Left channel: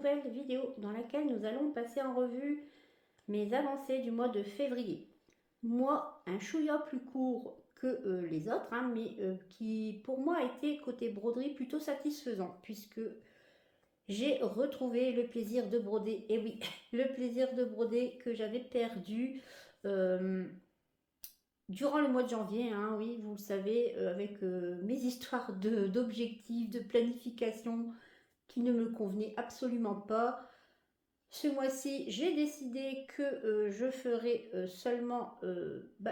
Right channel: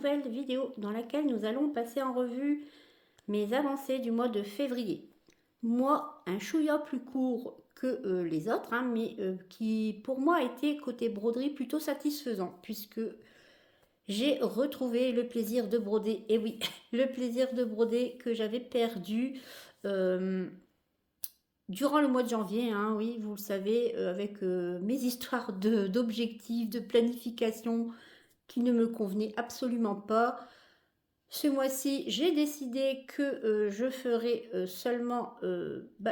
nouvelle vidéo dans laquelle nous allons passer en revue mes avancées du mois de février. Moi, un chouïa plus court que les autres, hein, mais qui pour moi a été côté broderie plutôt satisfaisant, puisque j'ai retrouvé le plaisir de broder, et oui, le plaisir de broder que j'avais perdu euh, durant le mois de janvier, hein, oui, vous le savez, avec mes histoires d'objectifs, de planification qui ne me convenaient absolument pas. Ce mois-ci, j'ai décidé que je ferai seulement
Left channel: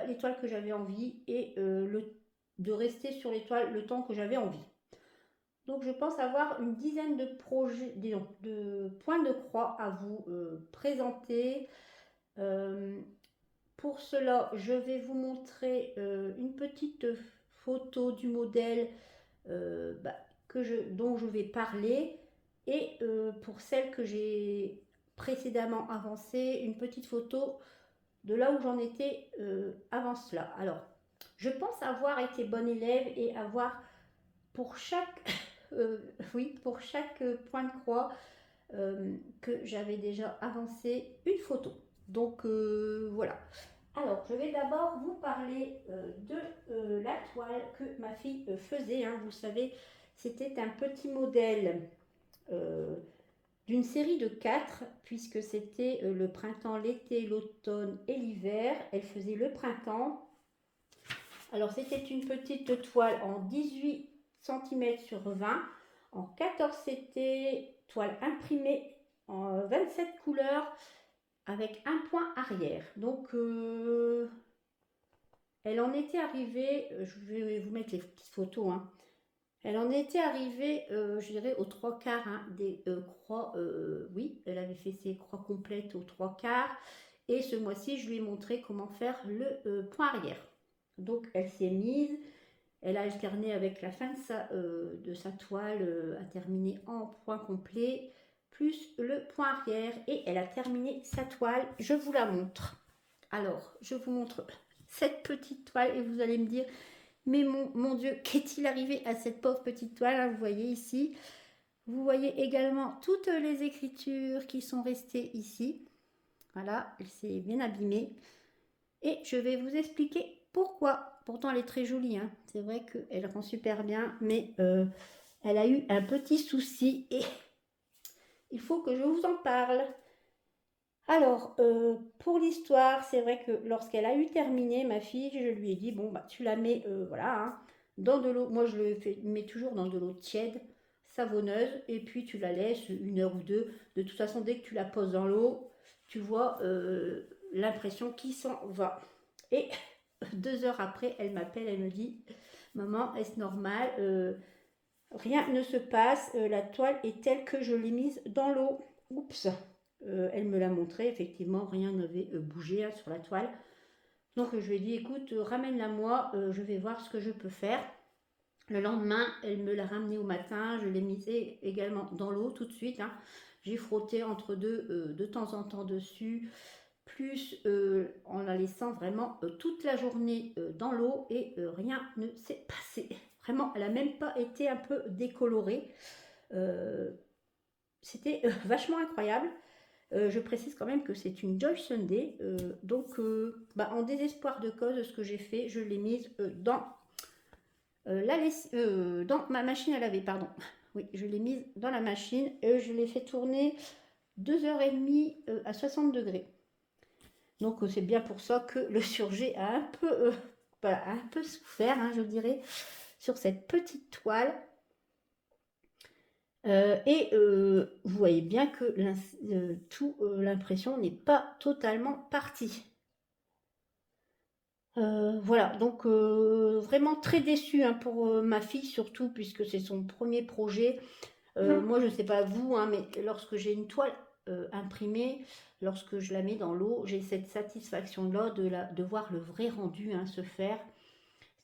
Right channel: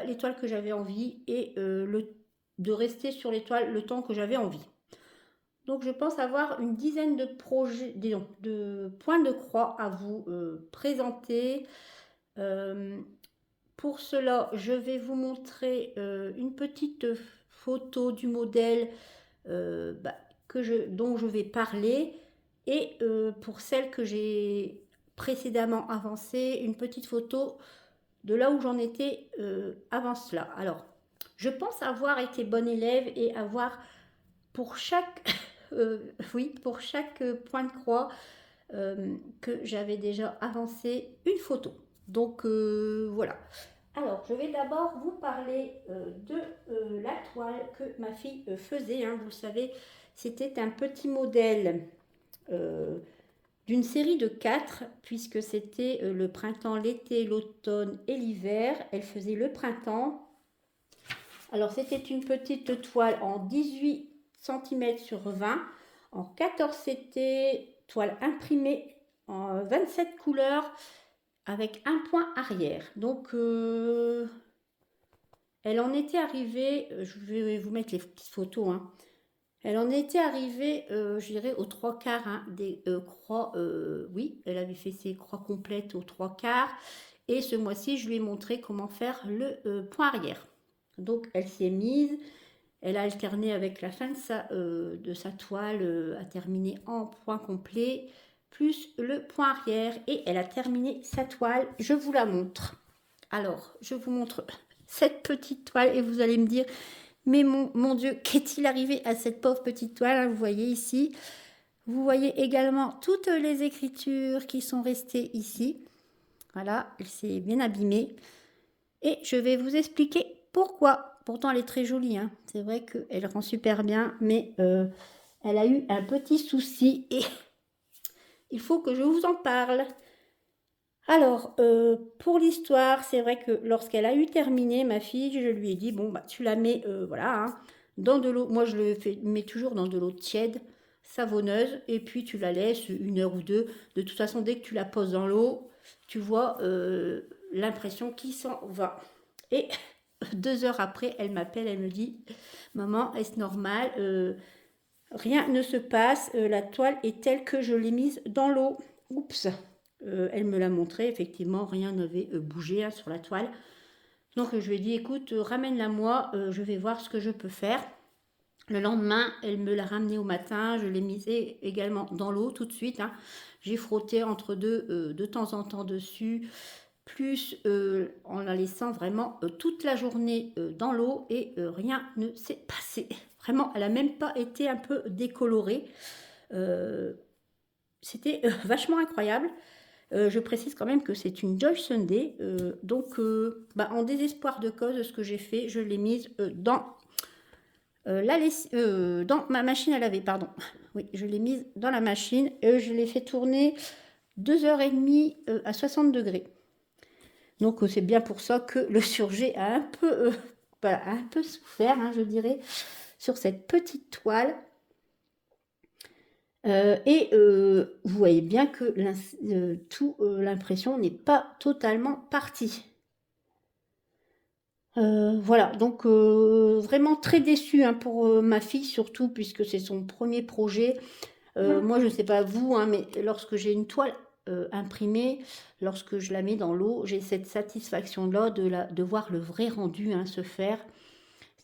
l'étoile que j'avais envie et de rester sur l'étoile le temps que j'avais envie. Donc je pense avoir une dizaine de projets, disons, de points de croix à vous présenter. Euh, pour cela, je vais vous montrer une petite photo du modèle dont je vais parler. Et pour celle que j'ai précédemment avancée, une petite photo de là où j'en étais avant cela. Alors, je pense avoir été bonne élève et avoir pour chaque, oui, pour chaque point de croix que j'avais déjà avancé une photo. Donc voilà. Alors, je vais d'abord vous parler de la toile que ma fille faisait. Hein. Vous savez, c'était un petit modèle euh, d'une série de 4, puisque c'était le printemps, l'été, l'automne et l'hiver. Elle faisait le printemps. Alors, c'était une petite toile en 18 cm sur 20. En 14, c'était toile imprimée en 27 couleurs avec un point arrière. Donc, elle en était arrivée, je vais vous mettre les petites photos, hein. Elle en était arrivée, je dirais, aux trois quarts hein, des croix. Oui, elle avait fait ses croix complètes aux trois quarts. Et ce mois-ci, je lui ai montré comment faire le point arrière. Donc, elle s'est mise. Elle a alterné avec la fin de sa toile à terminer en point complet, plus le point arrière. Et elle a terminé sa toile. Je vous la montre. Alors, je vous montre cette petite toile et vous allez me dire, mais mon Dieu, qu'est-il arrivé à cette pauvre petite toile? Vous voyez ici. Vous voyez également toutes les écritures qui sont restées ici. Voilà, elle s'est bien abîmée. Et je vais vous expliquer pourquoi. Pourtant, elle est très jolie. Hein. C'est vrai qu'elle rend super bien, mais elle a eu un petit souci et il faut que je vous en parle. Alors, pour l'histoire, c'est vrai que lorsqu'elle a eu terminé, ma fille, je lui ai dit, bon, bah, tu la mets, voilà, hein, dans de l'eau. Moi, je le mets toujours dans de l'eau tiède, savonneuse, et puis tu la laisses une heure ou deux. De toute façon, dès que tu la poses dans l'eau, tu vois l'impression qui s'en va. Et 2 heures après, elle m'appelle, elle me dit, maman, est-ce normal? Rien ne se passe, la toile est telle que je l'ai mise dans l'eau. Oups. Elle me l'a montré, effectivement, rien n'avait bougé hein, sur la toile. Donc je lui ai dit, écoute, ramène-la moi, je vais voir ce que je peux faire. Le lendemain, elle me l'a ramenée au matin, je l'ai mise également dans l'eau tout de suite. Hein. J'ai frotté entre deux de temps en temps dessus, plus en la laissant vraiment toute la journée dans l'eau et rien ne s'est passé. Vraiment, elle n'a même pas été un peu décolorée. C'était vachement incroyable. Je précise quand même que c'est une Joy Sunday. Donc, en désespoir de cause, ce que j'ai fait, je l'ai mise dans ma machine à laver. Pardon. Oui, je l'ai mise dans la machine. Je l'ai fait tourner 2h30 à 60 degrés. Donc, c'est bien pour ça que le surjet a un peu souffert, hein, je dirais, sur cette petite toile. Vous voyez bien que l'impression n'est pas totalement partie. Voilà, donc vraiment très déçue hein, pour ma fille surtout puisque c'est son premier projet. Moi je ne sais pas vous, hein, mais lorsque j'ai une toile imprimée, lorsque je la mets dans l'eau, j'ai cette satisfaction-là de voir le vrai rendu hein, se faire.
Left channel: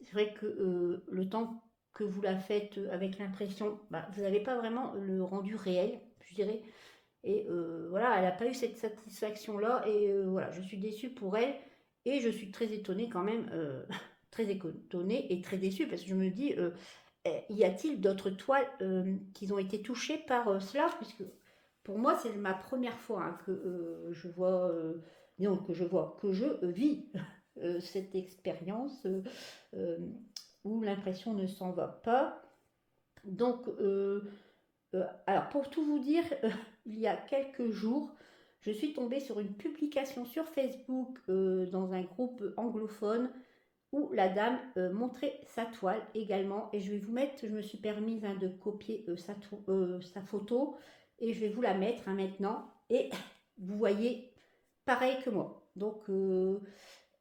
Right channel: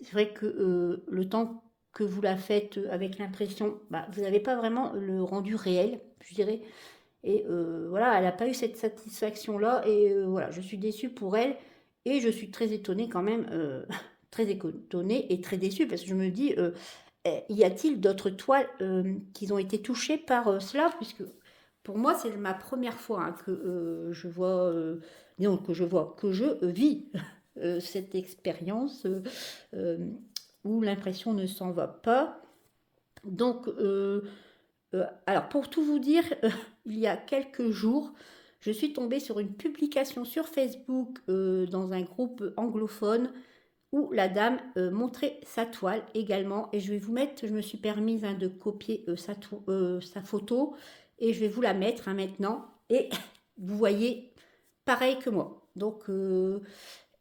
C'est vrai que le temps que vous la faites avec l'impression, vous n'avez pas vraiment le rendu réel, je dirais. Et voilà, elle n'a pas eu cette satisfaction-là. Et voilà, je suis déçue pour elle. Et je suis très étonnée quand même, très étonnée et très déçue parce que je me dis, y a-t-il d'autres toiles qui ont été touchées par cela? Puisque pour moi, c'est ma première fois hein, que je vois, non, que je vis cette expérience euh, où l'impression ne s'en va pas. Donc, alors pour tout vous dire, il y a quelques jours, je suis tombée sur une publication sur Facebook dans un groupe anglophone où la dame montrait sa toile également. Et je vais vous mettre, je me suis permise hein, de copier sa photo et je vais vous la mettre hein, maintenant. Et vous voyez pareil que moi. Donc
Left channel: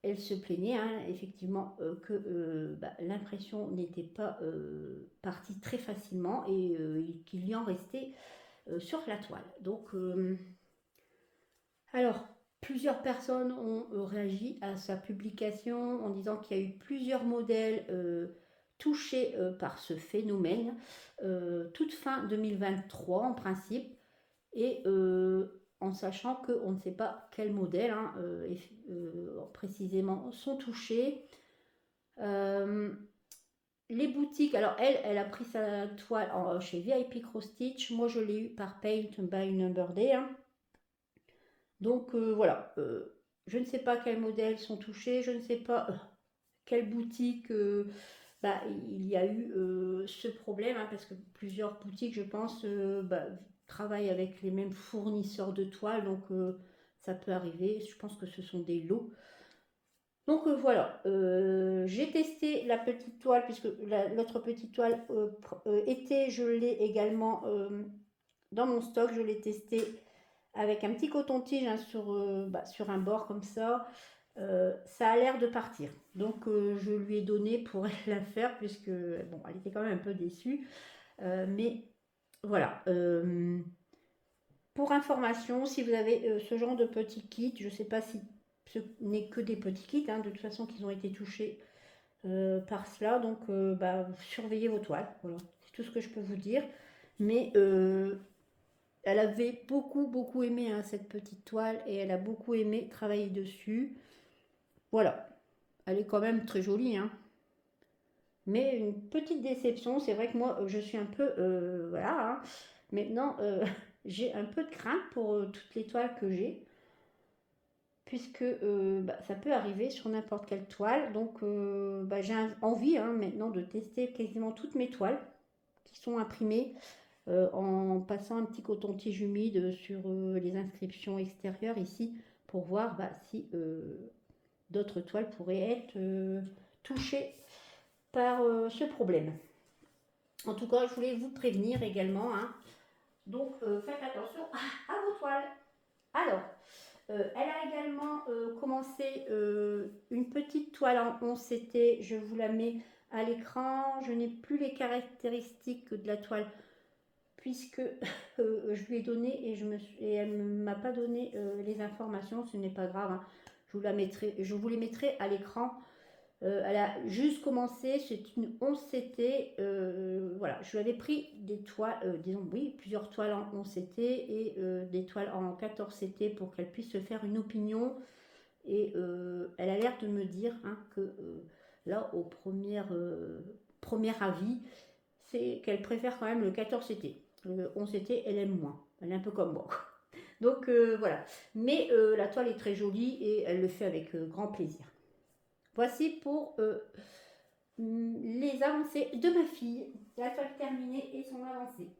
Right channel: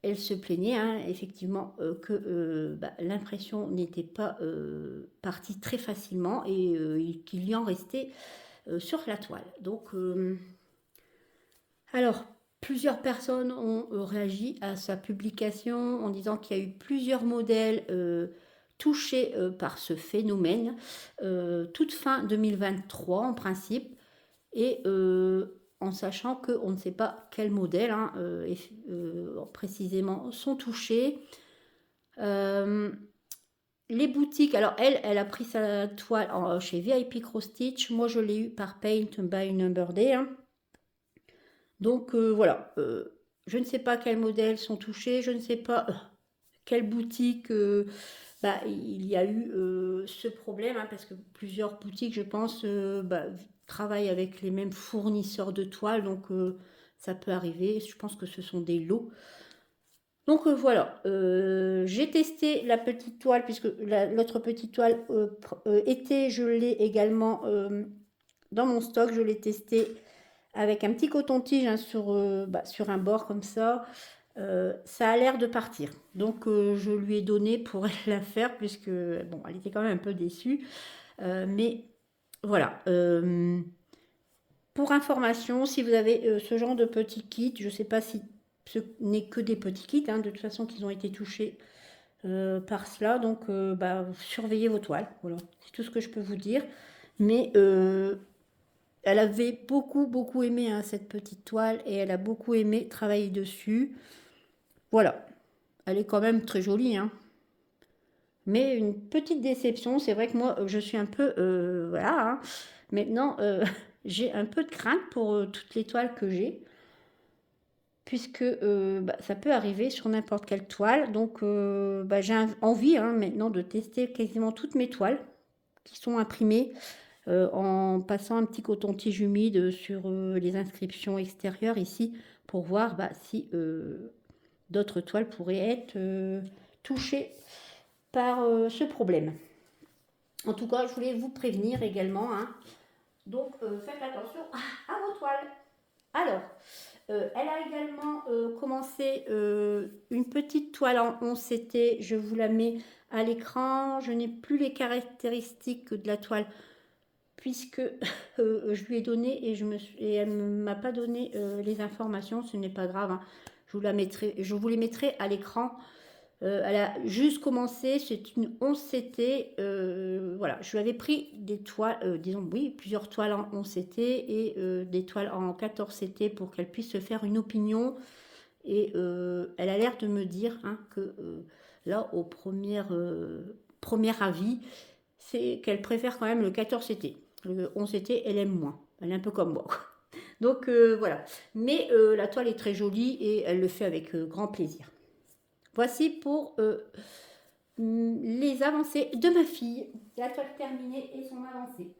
elle se plaignait hein, effectivement que bah, l'impression n'était pas partie très facilement et qu'il y en restait sur la toile. Donc alors, plusieurs personnes ont réagi à sa publication en disant qu'il y a eu plusieurs modèles touchés par ce phénomène, toute fin 2023 en principe, et en sachant qu'on ne sait pas quels modèles hein, précisément sont touchés. Euh, les boutiques, alors elle a pris sa toile chez VIP Cross Stitch, moi je l'ai eu par Paint by Number Day. Hein. Donc voilà, je ne sais pas quels modèles sont touchés, je ne sais pas quelle boutique bah, il y a eu ce problème, hein, parce que plusieurs boutiques, je pense, bah, travaillent avec les mêmes fournisseurs de toiles, donc ça peut arriver. Je pense que ce sont des lots. Donc voilà, j'ai testé la petite toile, puisque l'autre petite toile était, je l'ai également dans mon stock, je l'ai testée avec un petit coton-tige hein, sur un bord comme ça. Ça a l'air de partir. Donc je lui ai donné pour la faire puisque bon, elle était quand même un peu déçue. Mais voilà. Pour information, si vous avez ce genre de petit kit, je ne sais pas si ce n'est que des petits kits, hein, de toute façon qu'ils ont été touchés par cela. Donc bah, surveillez vos toiles. Voilà, c'est tout ce que je peux vous dire. Mais elle avait beaucoup aimé hein, cette petite toile et elle a beaucoup aimé travailler dessus. Voilà, elle est quand même très jolie. Hein. Mais une petite déception, c'est vrai que moi je suis un peu... voilà, hein. Maintenant j'ai un peu de crainte pour toutes les toiles que j'ai. Puisque bah, ça peut arriver sur n'importe quelle toile. Donc bah, j'ai envie hein, maintenant de tester quasiment toutes mes toiles qui sont imprimées en passant un petit coton-tige humide sur les inscriptions extérieures ici pour voir bah, si d'autres toiles pourraient être touchées par ce problème. En tout cas, je voulais vous prévenir également. Hein. Donc, faites attention à vos toiles. Alors, elle a également commencé une petite toile en 11 CT. Je vous la mets à l'écran. Je n'ai plus les caractéristiques de la toile puisque je lui ai donné et elle ne m'a pas donné les informations, ce n'est pas grave, hein. Je vous les mettrai à l'écran. Elle a juste commencé, c'est une 11 CT, voilà, je lui avais pris des toiles, disons oui, plusieurs toiles en 11 CT et des toiles en 14 CT pour qu'elle puisse se faire une opinion et elle a l'air de me dire hein, que là, au premier avis, c'est qu'elle préfère quand même le 14 CT. Le 11 CT, elle aime moins. Elle est un peu comme moi. Donc voilà. Mais la toile est très jolie et elle le fait avec grand plaisir. Voici pour les avancées de ma fille. La toile terminée et son avancée.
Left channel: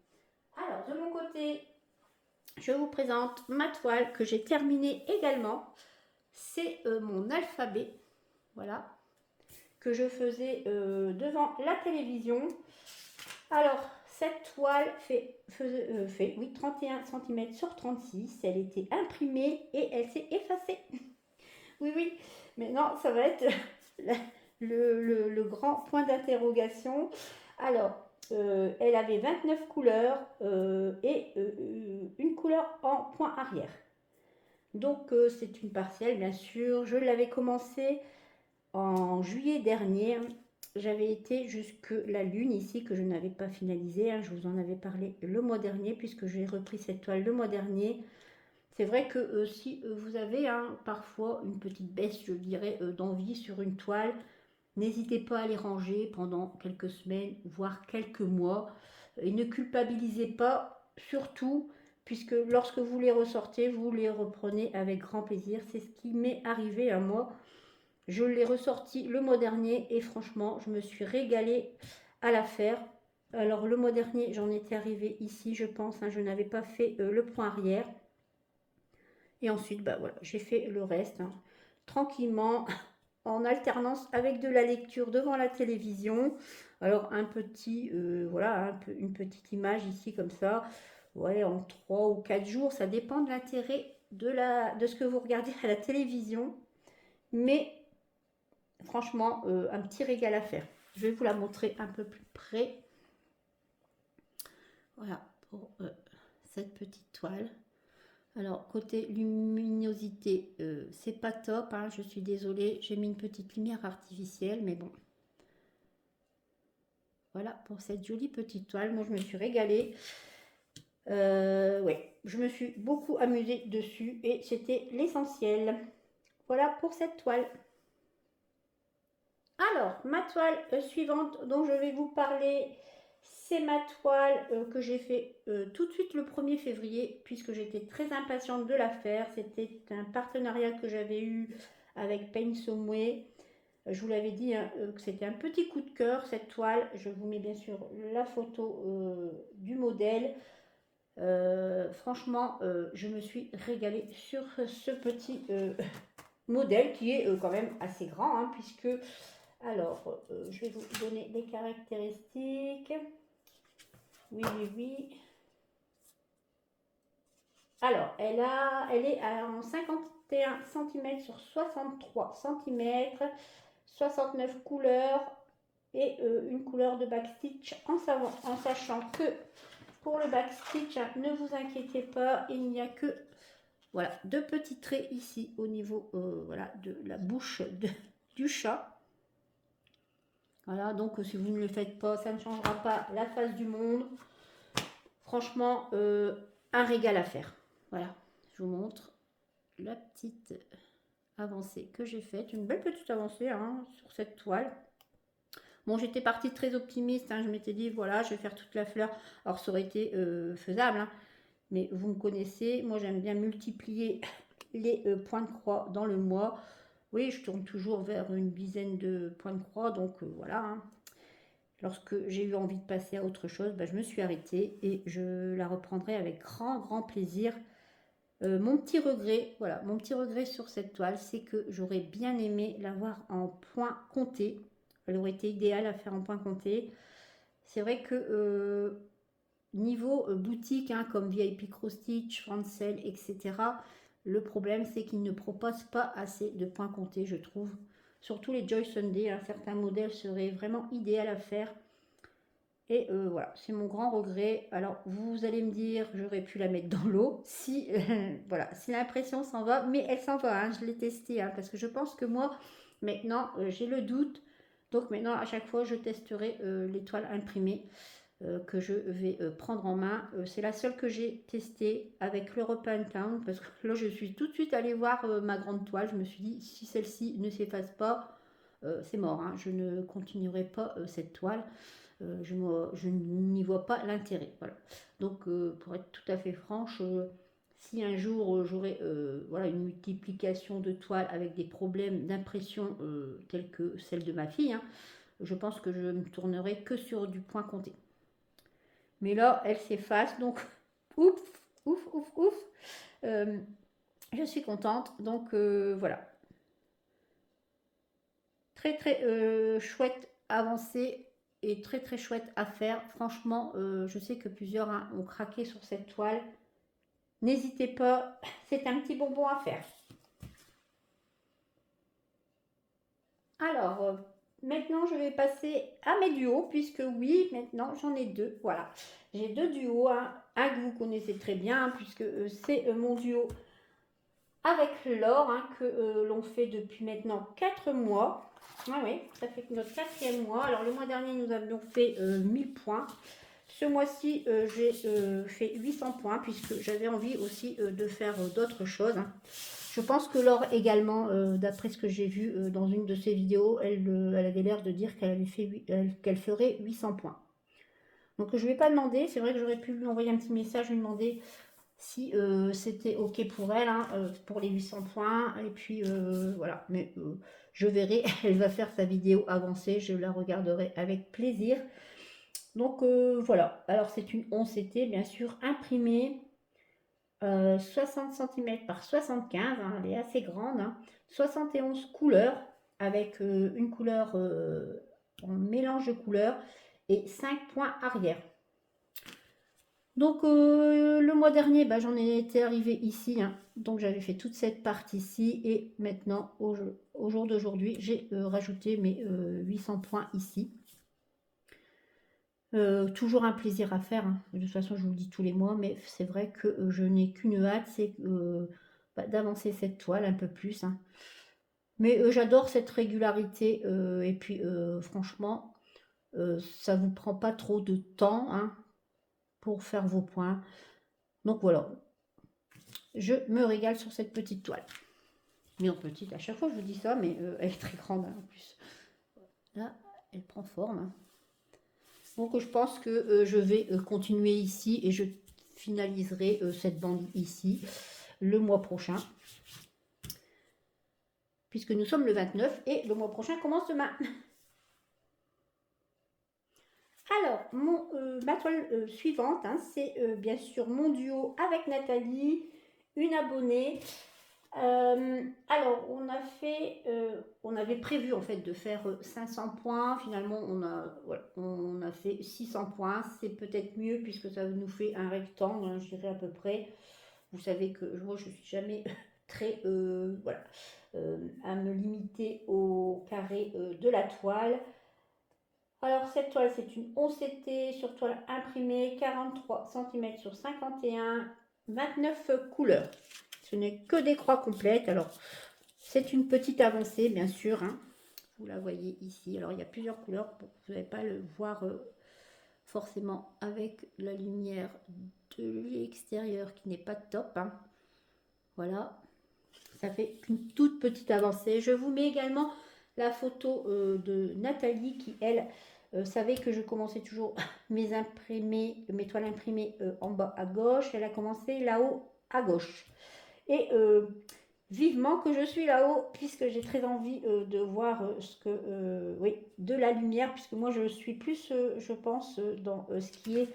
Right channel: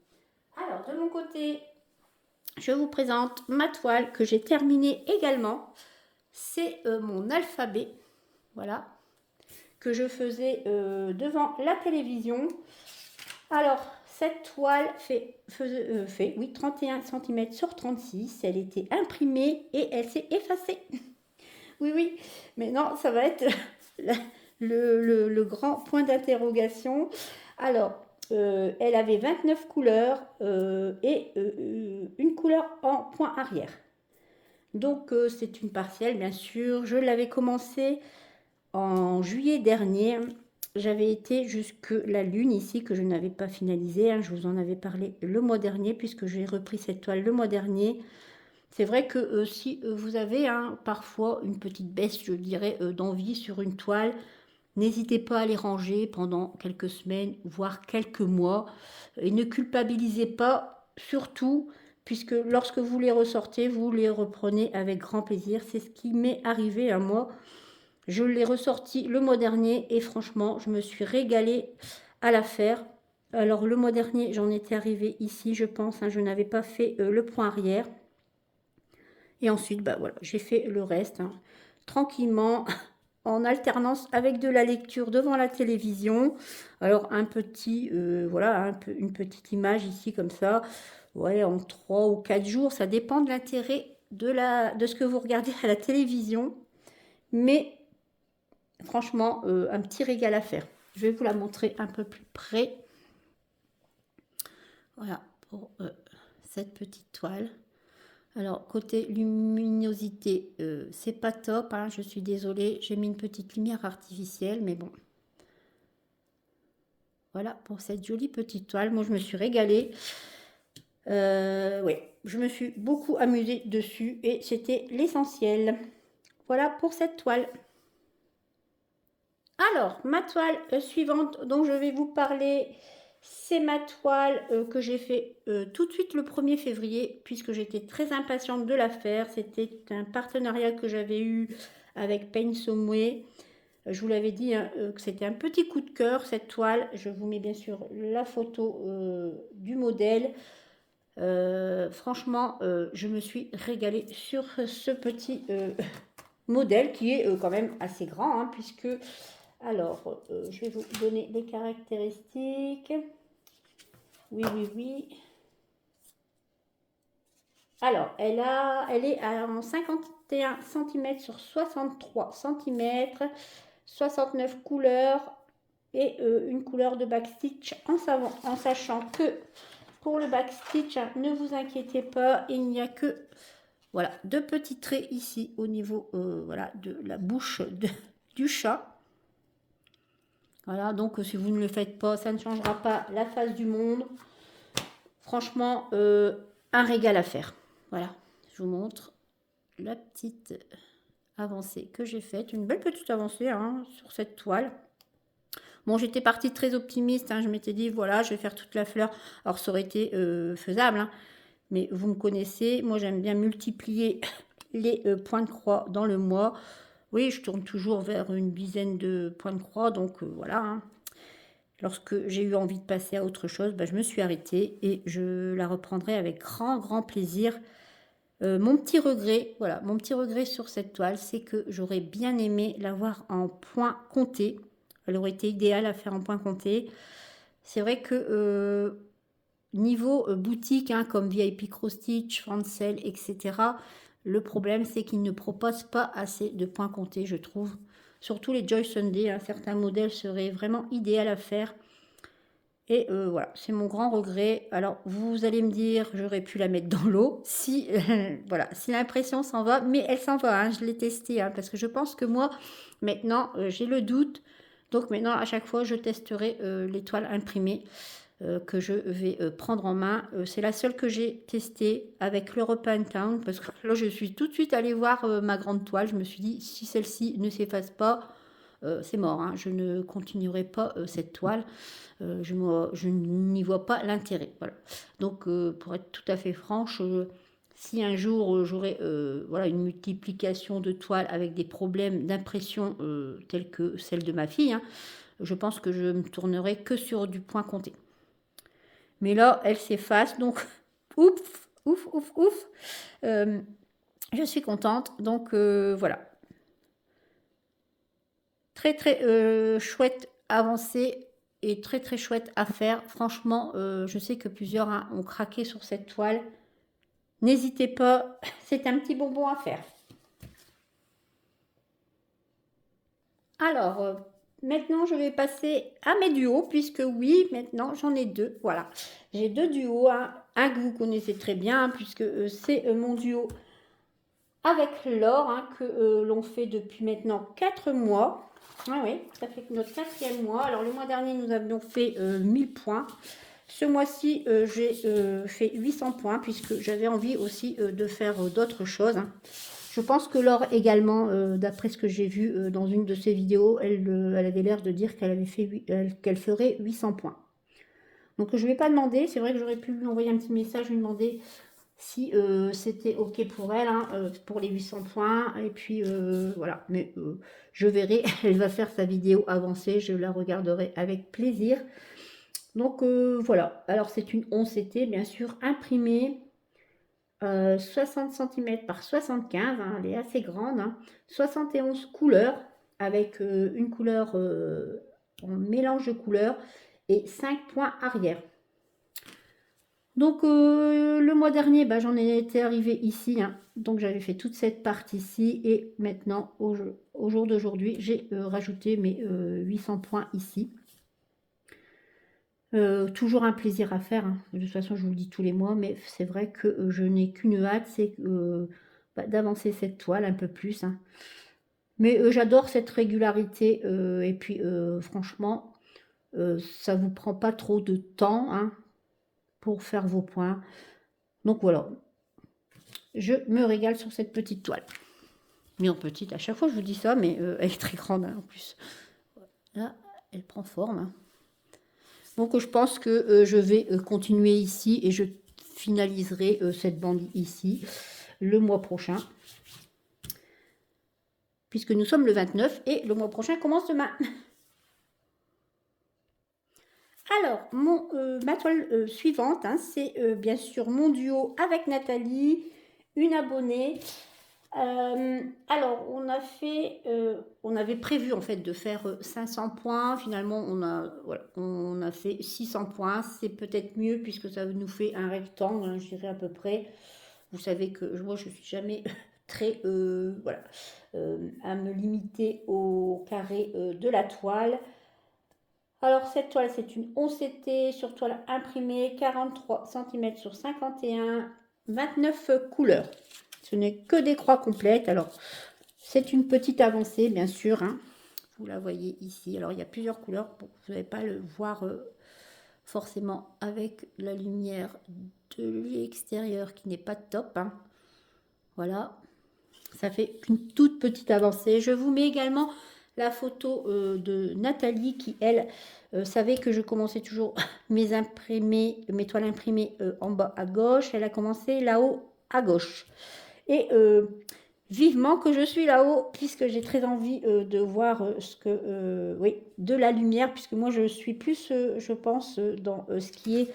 Alors, de mon côté, je vous présente ma toile que j'ai terminée également. C'est mon alphabet. Voilà. Que je faisais devant la télévision. Alors, cette toile fait 31 cm sur 36. Elle était imprimée et elle s'est effacée. Oui, mais non, ça va être le grand point d'interrogation. Alors, elle avait 29 couleurs et une couleur en point arrière. Donc, c'est une partielle, bien sûr. Je l'avais commencé en juillet dernier. J'avais été jusque la lune ici que je n'avais pas finalisé. Hein. Je vous en avais parlé le mois dernier puisque j'ai repris cette toile le mois dernier. C'est vrai que si vous avez hein, parfois une petite baisse, je dirais, d'envie sur une toile, n'hésitez pas à les ranger pendant quelques semaines, voire quelques mois. Et ne culpabilisez pas, surtout puisque lorsque vous les ressortez, vous les reprenez avec grand plaisir. C'est ce qui m'est arrivé à moi. Je l'ai ressorti le mois dernier et franchement, je me suis régalée à la faire. Alors le mois dernier, j'en étais arrivée ici, je pense, hein, je n'avais pas fait le point arrière. Et ensuite, bah voilà, j'ai fait le reste, hein, tranquillement, en alternance avec de la lecture devant la télévision. Alors un petit, voilà, une petite image ici comme ça. Ouais, en 3 ou 4 jours, ça dépend de l'intérêt de ce que vous regardez à la télévision. Mais franchement, un petit régal à faire. Je vais vous la montrer un peu plus près. Voilà, pour cette petite toile. Alors, côté luminosité, c'est pas top, hein, je suis désolée. J'ai mis une petite lumière artificielle, mais bon. Voilà, pour cette jolie petite toile. Moi, je me suis régalée. Ouais, je me suis beaucoup amusée dessus et c'était l'essentiel. Voilà pour cette toile. Alors, ma toile suivante dont je vais vous parler, c'est ma toile que j'ai fait tout de suite le 1er février, puisque j'étais très impatiente de la faire. C'était un partenariat que j'avais eu avec Paint Some Way. Je vous l'avais dit, hein, que c'était un petit coup de cœur, cette toile. Je vous mets bien sûr la photo du modèle. Franchement, je me suis régalée sur ce petit modèle qui est quand même assez grand, hein, puisque... Alors, je vais vous donner les caractéristiques. Oui, oui, oui. Alors, elle est en 51 cm sur 63 cm, 69 couleurs et une couleur de backstitch en sachant que pour le backstitch, hein, ne vous inquiétez pas, il n'y a que voilà, 2 petits traits ici au niveau voilà, de la bouche du chat. Voilà, donc si vous ne le faites pas, ça ne changera pas la face du monde. Franchement, un régal à faire. Voilà, je vous montre la petite avancée que j'ai faite. Une belle petite avancée, hein, sur cette toile. Bon, j'étais partie très optimiste, hein, je m'étais dit, voilà, je vais faire toute la fleur. Alors, ça aurait été faisable, hein, mais vous me connaissez, moi j'aime bien multiplier les points de croix dans le mois. Oui, je tourne toujours vers une dizaine de points de croix, donc voilà. Hein. Lorsque j'ai eu envie de passer à autre chose, bah, je me suis arrêtée et je la reprendrai avec grand, grand plaisir. Mon petit regret, voilà, mon petit regret sur cette toile, c'est que j'aurais bien aimé l'avoir en point compté. Elle aurait été idéale à faire en point compté. C'est vrai que niveau boutique, hein, comme VIP Cross Stitch, Francel, etc., le problème, c'est qu'ils ne proposent pas assez de points comptés, je trouve. Surtout les Joy Sunday, hein, certains modèles seraient vraiment idéaux à faire. Et voilà, c'est mon grand regret. Alors, vous allez me dire, j'aurais pu la mettre dans l'eau si, voilà, si l'impression s'en va. Mais elle s'en va, hein, je l'ai testée, hein, parce que je pense que moi, maintenant, j'ai le doute. Donc maintenant, à chaque fois, je testerai l'étoile imprimée que je vais prendre en main. C'est la seule que j'ai testée avec l'European Town, parce que là, je suis tout de suite allée voir ma grande toile. Je me suis dit, si celle-ci ne s'efface pas, c'est mort, hein, je ne continuerai pas cette toile. Je n'y vois pas l'intérêt. Voilà. Donc, pour être tout à fait franche, si un jour j'aurais voilà, une multiplication de toiles avec des problèmes d'impression tels que celle de ma fille, hein, je pense que je me tournerai que sur du point compté. Mais là, elle s'efface, donc ouf, ouf, ouf, ouf. Je suis contente, donc voilà. Très, très chouette avancée et très, très chouette à faire. Franchement, je sais que plusieurs hein, ont craqué sur cette toile. N'hésitez pas, c'est un petit bonbon à faire. Alors, maintenant, je vais passer à mes duos, puisque oui, maintenant, j'en ai 2. Voilà, j'ai 2 duos. Hein. Un que vous connaissez très bien, puisque c'est mon duo avec Laure, hein, que l'on fait depuis maintenant 4 mois. Ah oui, ça fait notre 4e mois. Alors, le mois dernier, nous avions fait 1000 points. Ce mois-ci, j'ai fait 800 points, puisque j'avais envie aussi de faire d'autres choses. Hein. Je pense que Laure également, d'après ce que j'ai vu dans une de ses vidéos, elle avait l'air de dire qu'elle ferait 800 points. Donc je ne vais pas demander, c'est vrai que j'aurais pu lui envoyer un petit message, lui demander si c'était ok pour elle, hein, pour les 800 points. Et puis voilà, mais je verrai, elle va faire sa vidéo avancée, je la regarderai avec plaisir. Donc voilà, alors c'est une 11CT bien sûr imprimée, 60 cm par 75, hein, elle est assez grande, hein, 71 couleurs avec une couleur en mélange de couleurs et 5 points arrière. Donc le mois dernier, bah, j'en étais arrivée ici, hein, donc j'avais fait toute cette partie-ci et maintenant au jour d'aujourd'hui, j'ai rajouté mes 800 points ici. Toujours un plaisir à faire, hein. De toute façon, je vous le dis tous les mois, mais c'est vrai que je n'ai qu'une hâte, c'est bah, d'avancer cette toile un peu plus, hein. Mais j'adore cette régularité et puis franchement, ça vous prend pas trop de temps, hein, pour faire vos points. Donc voilà, je me régale sur cette petite toile. Mais en petite, à chaque fois je vous dis ça, mais elle est très grande, hein, en plus. Là, elle prend forme, hein. Donc je pense que je vais continuer ici et je finaliserai cette bande ici le mois prochain. Puisque nous sommes le 29 et le mois prochain commence demain. Alors, ma toile suivante, hein, c'est bien sûr mon duo avec Nathalie, une abonnée. Alors, on avait prévu en fait de faire 500 points. Finalement, on a fait 600 points. C'est peut-être mieux puisque ça nous fait un rectangle, hein, je dirais à peu près. Vous savez que moi, je suis jamais très, voilà, à me limiter au carré de la toile. Alors, cette toile, c'est une 11CT sur toile imprimée, 43 cm sur 51, 29 couleurs. Ce n'est que des croix complètes. Alors, c'est une petite avancée, bien sûr, hein. Vous la voyez ici. Alors, il y a plusieurs couleurs. Bon, vous n'allez pas le voir forcément avec la lumière de l'extérieur qui n'est pas top, hein. Voilà. Ça fait une toute petite avancée. Je vous mets également la photo de Nathalie qui, elle, savait que je commençais toujours mes toiles imprimées en bas à gauche. Elle a commencé là-haut à gauche. Et vivement que je suis là-haut, puisque j'ai très envie de voir oui, de la lumière, puisque moi je suis plus, je pense, dans ce qui est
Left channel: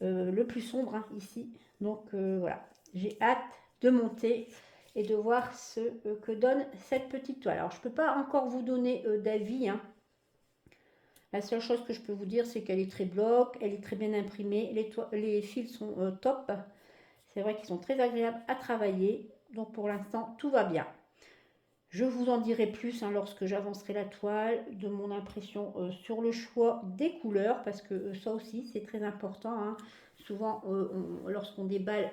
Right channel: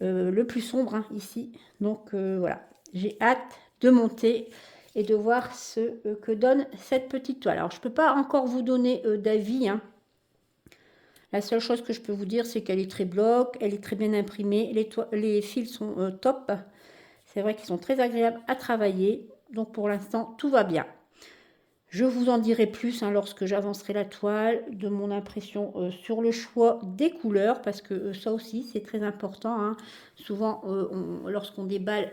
le plus sombre, hein, ici. Donc voilà, j'ai hâte de monter et de voir ce que donne cette petite toile. Alors je ne peux pas encore vous donner d'avis, hein. La seule chose que je peux vous dire, c'est qu'elle est très bloc, elle est très bien imprimée, les fils sont top. C'est vrai qu'ils sont très agréables à travailler. Donc pour l'instant, tout va bien. Je vous en dirai plus, hein, lorsque j'avancerai la toile, de mon impression sur le choix des couleurs, parce que ça aussi, c'est très important, hein. Souvent, lorsqu'on déballe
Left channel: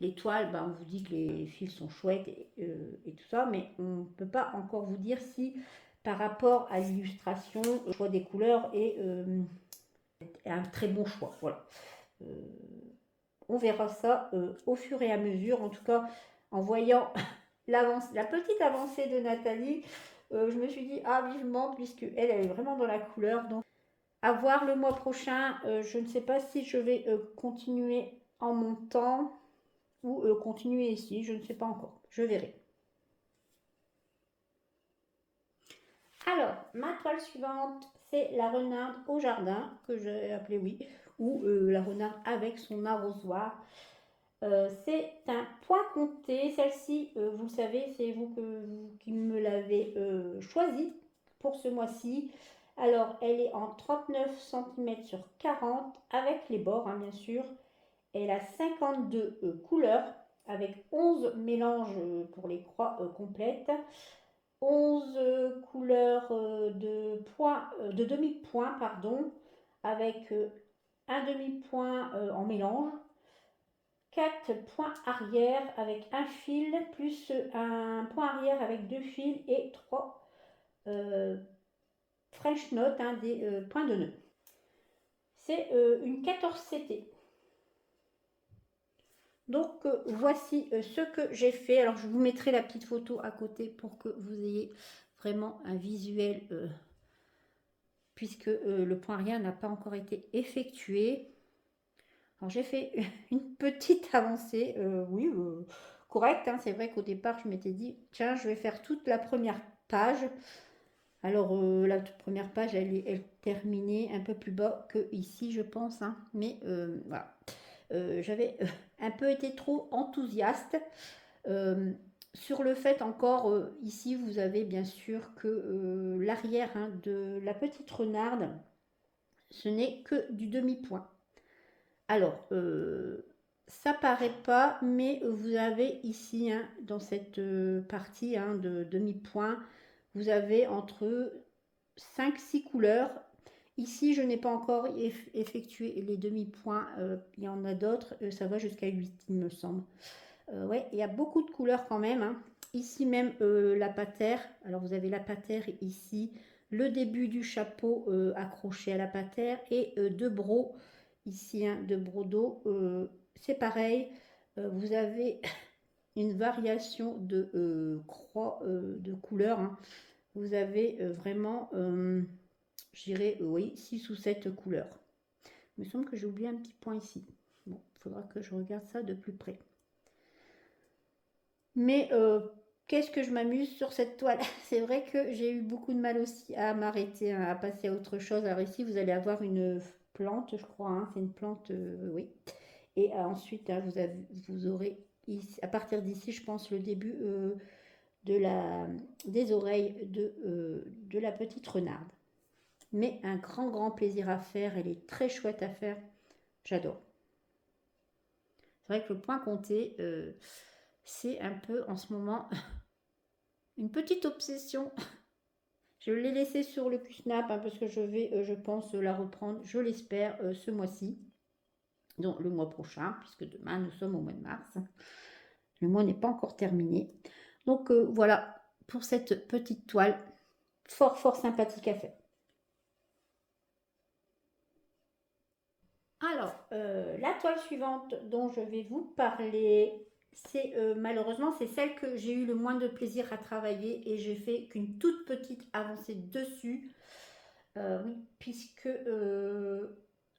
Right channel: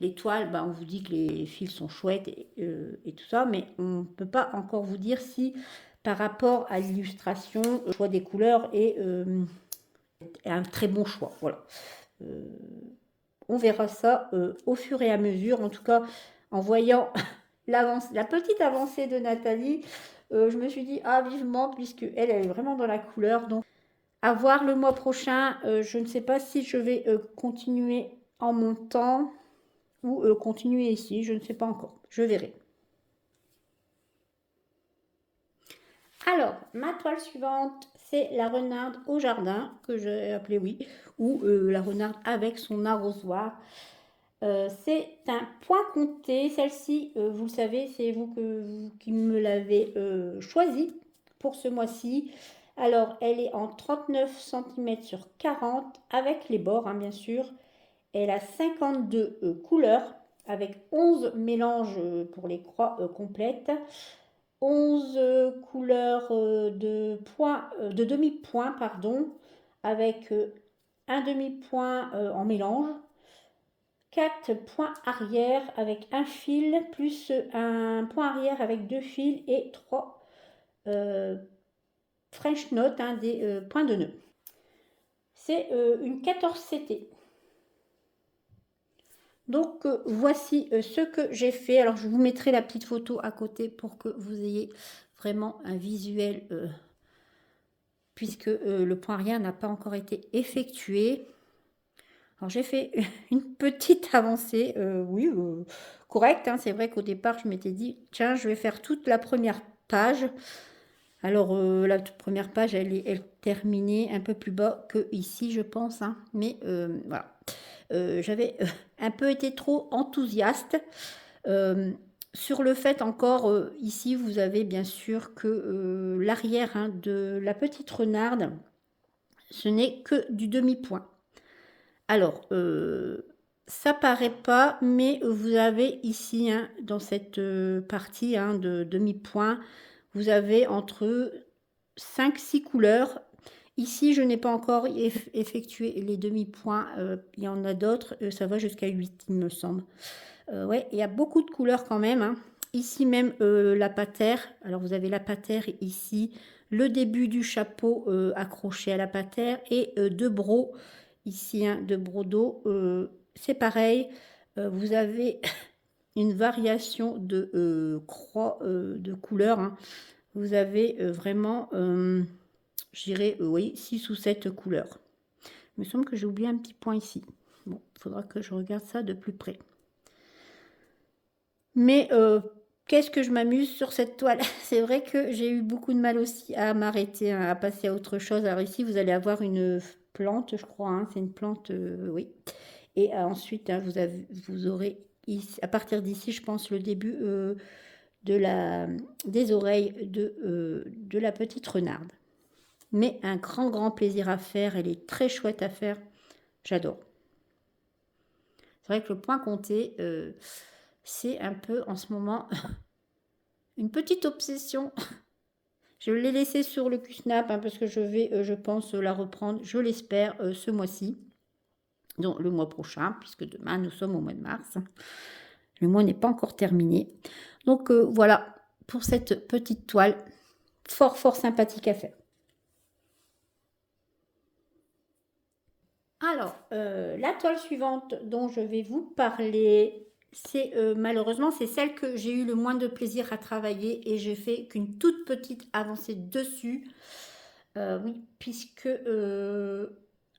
les toiles, bah, on vous dit que les fils sont chouettes et tout ça, mais on ne peut pas encore vous dire si, par rapport à l'illustration, le choix des couleurs est un très bon choix. Voilà. On verra ça au fur et à mesure. En tout cas, en voyant la petite avancée de Nathalie, je me suis dit, ah, vivement, puisque elle est vraiment dans la couleur. Donc, à voir le mois prochain. Je ne sais pas si je vais continuer en montant ou continuer ici. Je ne sais pas encore. Je verrai. Alors, ma toile suivante, c'est la renarde au jardin, que j'ai appelée, oui, ou la renarde avec son arrosoir. C'est un point compté. Celle-ci, vous le savez, c'est vous qui me l'avez choisie pour ce mois-ci. Alors, elle est en 39 cm sur 40 avec les bords, hein, bien sûr. Elle a 52 couleurs avec 11 mélanges pour les croix complètes. 11 couleurs de demi-point, pardon, avec un demi-point en mélange. 4 points arrière avec un fil, plus un point arrière avec 2 fils et 3 French Knot, hein, des points de nœud. C'est une 14CT. Donc voici ce que j'ai fait. Alors je vous mettrai la petite photo à côté pour que vous ayez vraiment un visuel, puisque le point arrière n'a pas encore été effectué. Alors j'ai fait une petite avancée, oui, correcte, hein. C'est vrai qu'au départ, je m'étais dit: «Tiens, je vais faire toute la première page». Alors, la toute 1re page, elle terminée un peu plus bas que ici, je pense, hein, mais voilà. J'avais, un peu été trop enthousiaste, hem, sur le fait encore, ici, vous avez bien sûr que, l'arrière, hein, de la petite renarde, ce n'est que du demi-point. Alors, ça paraît pas, mais vous avez ici, hein, dans cette, partie, hein, de demi-point, vous avez entre 5-6 couleurs. Ici, je n'ai pas encore effectué les demi-points, il y en a d'autres, ça va jusqu'à 8, il me semble. Ouais, il y a beaucoup de couleurs quand même, hein. Ici même, la patère, alors vous avez la patère ici, le début du chapeau, accroché à la patère et 2 brocs ici, hein, 2 brodeaux, c'est pareil, vous avez une variation de, croix, de couleurs, hein. Vous avez, vraiment, je dirais, oui, 6 ou 7 couleurs. Il me semble que j'ai oublié un petit point ici. Bon, il faudra que je regarde ça de plus près. Mais qu'est-ce que je m'amuse sur cette toile. C'est vrai que j'ai eu beaucoup de mal aussi à m'arrêter, hein, à passer à autre chose. Alors ici, vous allez avoir une plante, je crois, hein, c'est une plante, oui. Et ensuite, hein, vous aurez ici, à partir d'ici, je pense, le début de des oreilles de la petite renarde. Mais un grand, grand plaisir à faire. Elle est très chouette à faire. J'adore. C'est vrai que le point compté, c'est un peu en ce moment une petite obsession. Je l'ai laissé sur le QSnap, hein, parce que je vais, je pense, la reprendre, je l'espère, ce mois-ci. Donc le mois prochain, puisque demain nous sommes au mois de mars. Le mois n'est pas encore terminé. Donc voilà pour cette petite toile fort, fort sympathique à faire. Alors, la toile suivante dont je vais vous parler, c'est malheureusement, c'est celle que j'ai eu le moins de plaisir à travailler et j'ai fait qu'une toute petite avancée dessus. Oui, puisque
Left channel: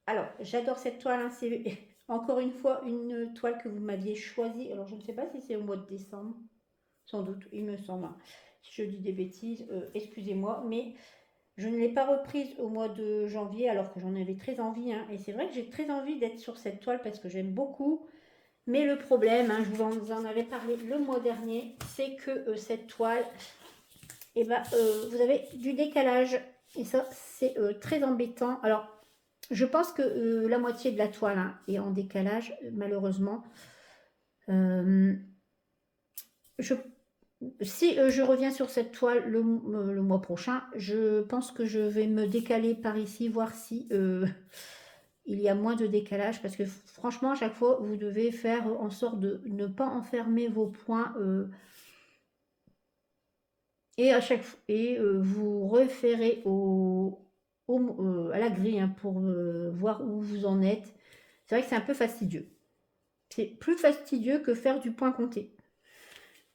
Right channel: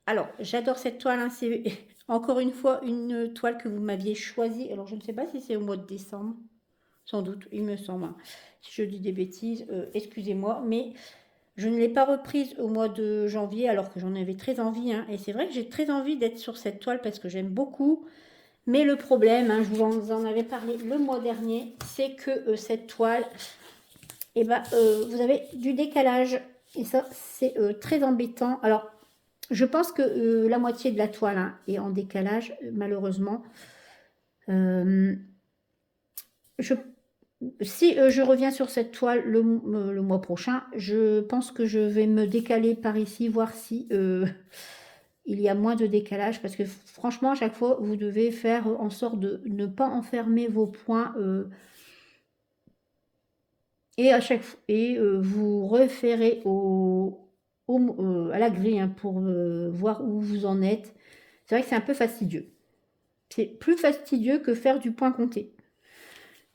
alors j'adore cette toile, hein, c'est encore une fois une toile que vous m'aviez choisie. Alors je ne sais pas si c'est au mois de décembre, sans doute, il me semble, hein. Si je dis des bêtises, excusez-moi, mais je ne l'ai pas reprise au mois de janvier alors que j'en avais très envie, hein. Et c'est vrai que j'ai très envie d'être sur cette toile parce que j'aime beaucoup. Mais le problème, hein, je vous en avais parlé le mois dernier, c'est que cette toile, eh ben, vous avez du décalage. Et ça, c'est très embêtant. Alors, je pense que la moitié de la toile, hein, est en décalage, malheureusement. Euh, je Si je reviens sur cette toile le mois prochain, je pense que je vais me décaler par ici, voir si il y a moins de décalage, parce que franchement, à chaque fois, vous devez faire en sorte de ne pas enfermer vos points et vous référez à la grille, hein, pour voir où vous en êtes. C'est vrai que c'est un peu fastidieux. C'est plus fastidieux que faire du point compté.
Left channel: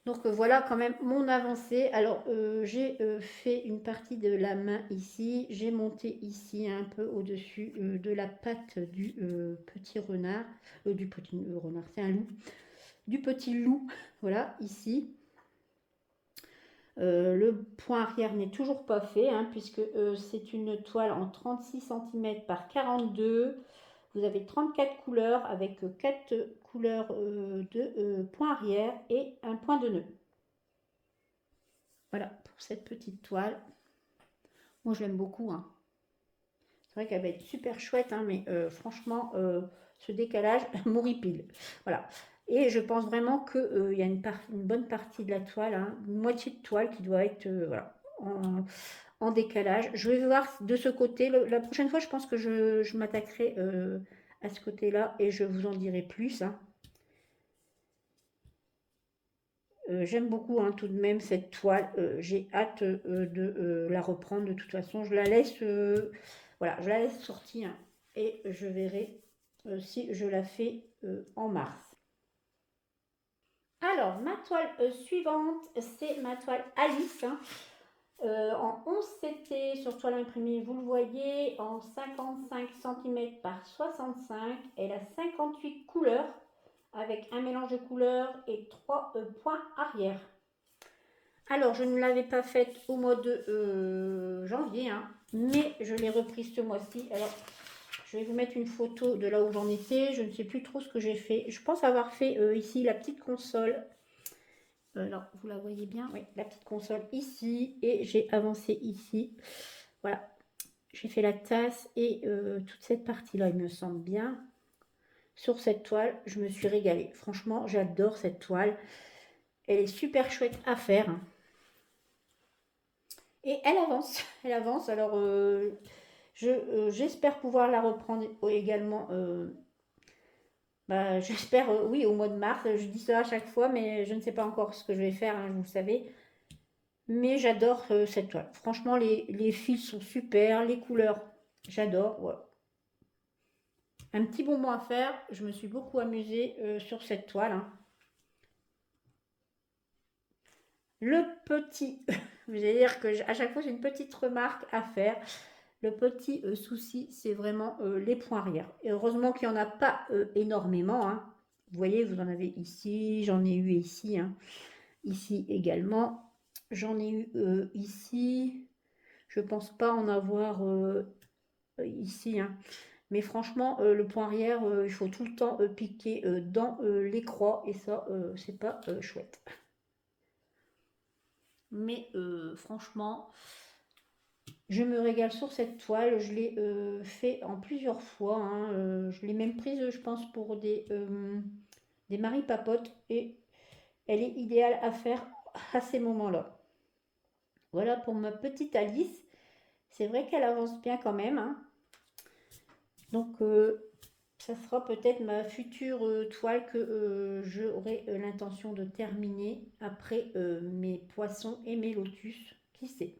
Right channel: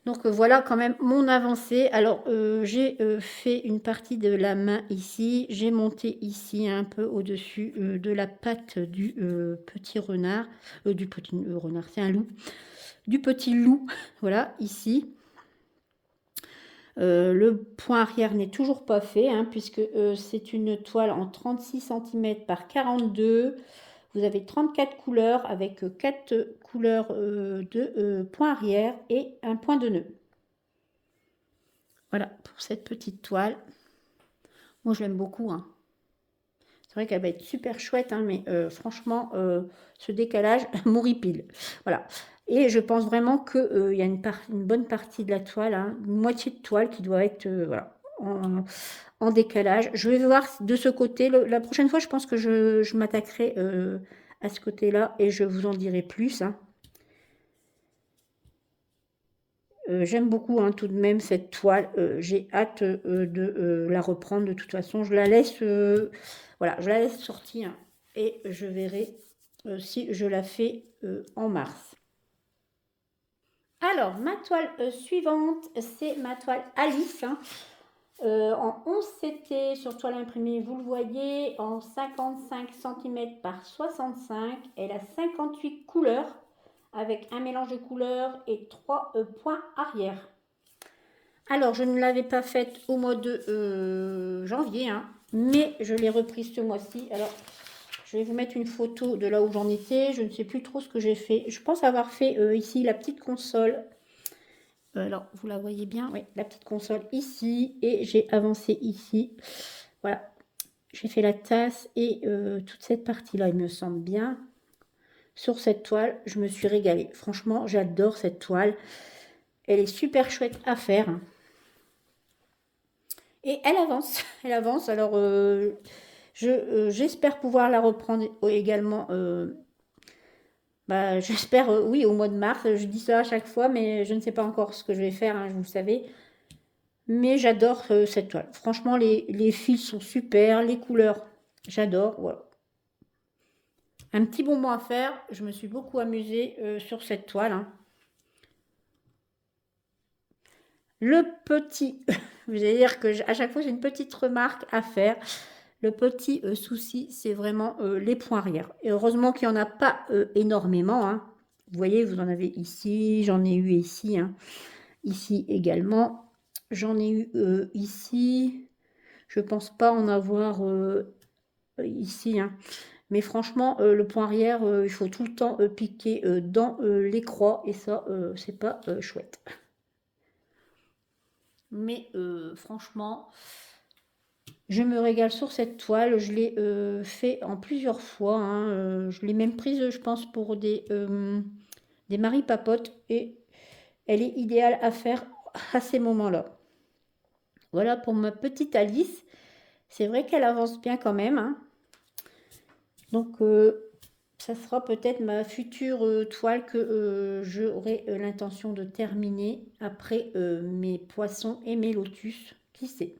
Donc voilà quand même mon avancée. Alors j'ai fait une partie de la main ici. J'ai monté ici un peu au-dessus de la patte du petit renard. Du petit renard, c'est un loup. Du petit loup, voilà, ici. Le point arrière n'est toujours pas fait, hein, puisque c'est une toile en 36 cm par 42. Vous avez 34 couleurs avec 4 couleurs de point arrière et un point de nœud. Voilà pour cette petite toile. Moi, je l'aime beaucoup, hein. C'est vrai qu'elle va être super chouette, hein, mais franchement, ce décalage m'horripile. Voilà. Et je pense vraiment qu'il y a une bonne partie de la toile, hein, une moitié de toile qui doit être voilà, en décalage. Je vais voir de ce côté. La prochaine fois, je pense que je m'attaquerai à ce côté-là et je vous en dirai plus, hein. J'aime beaucoup, hein, tout de même cette toile. J'ai hâte de la reprendre. De toute façon, je la laisse, voilà, je la laisse sortir et je verrai si je la fais en mars. Alors, ma toile suivante, c'est ma toile Alice, hein. En 11 CT sur toile imprimée, vous le voyez, en 55 cm par 65. Elle a 58 couleurs avec un mélange de couleurs et 3 points arrière. Alors, je ne l'avais pas faite au mois de janvier, hein, mais je l'ai reprise ce mois-ci. Alors, je vais vous mettre une photo de là où j'en étais. Je ne sais plus trop ce que j'ai fait. Je pense avoir fait ici la petite console. Alors, vous la voyez bien, oui, la petite console ici. Et j'ai avancé ici. Voilà, j'ai fait la tasse et toute cette partie-là, il me semble bien. Sur cette toile, je me suis régalée. Franchement, j'adore cette toile. Elle est super chouette à faire. Et elle avance, elle avance. Alors, j'espère pouvoir la reprendre également. Bah, j'espère, oui, au mois de mars. Je dis ça à chaque fois, mais je ne sais pas encore ce que je vais faire, hein, vous le savez. Mais j'adore cette toile. Franchement, les fils sont super, les couleurs, j'adore. Voilà. Un petit bonbon à faire. Je me suis beaucoup amusée sur cette toile, hein. Le petit, vous allez dire que à chaque fois j'ai une petite remarque à faire. Le petit souci, c'est vraiment les points arrière. Et heureusement qu'il n'y en a pas énormément, hein. Vous voyez, vous en avez ici, j'en ai eu ici, hein. Ici également. J'en ai eu ici. Je pense pas en avoir ici, hein. Mais franchement, le point arrière, il faut tout le temps piquer dans les croix. Et ça, c'est pas chouette. Mais franchement, je me régale sur cette toile. Je l'ai fait en plusieurs fois, hein. Je l'ai même prise, je pense, pour des maris papotes. Et elle est idéale à faire à ces moments-là. Voilà pour ma petite Alice. C'est vrai qu'elle avance bien quand même, hein. Donc, ça sera peut-être ma future toile que j'aurai l'intention de terminer après mes poissons et mes lotus. Qui sait?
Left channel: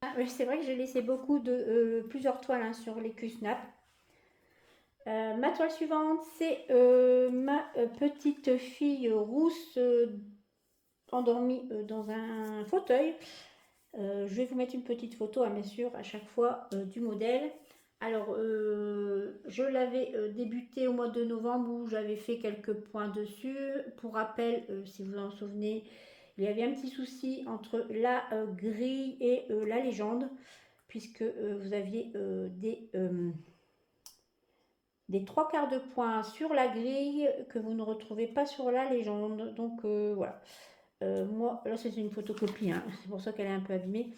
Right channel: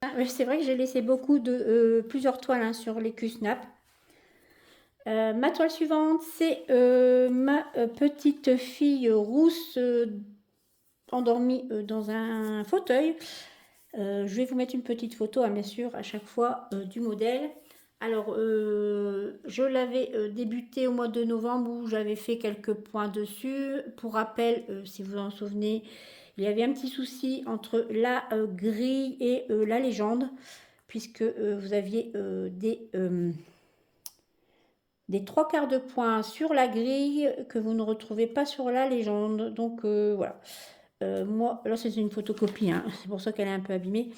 Ah, c'est vrai que j'ai laissé beaucoup de plusieurs toiles, hein, sur les Q-Snap. Ma toile suivante, c'est ma petite fille rousse endormie dans un fauteuil. Je vais vous mettre une petite photo, hein, bien sûr, à chaque fois du modèle. Alors, je l'avais débuté au mois de novembre où j'avais fait quelques points dessus. Pour rappel, si vous en souvenez, il y avait un petit souci entre la grille et la légende, puisque vous aviez des trois quarts de points sur la grille que vous ne retrouvez pas sur la légende. Donc voilà. Moi, là c'est une photocopie, hein, c'est pour ça qu'elle est un peu abîmée.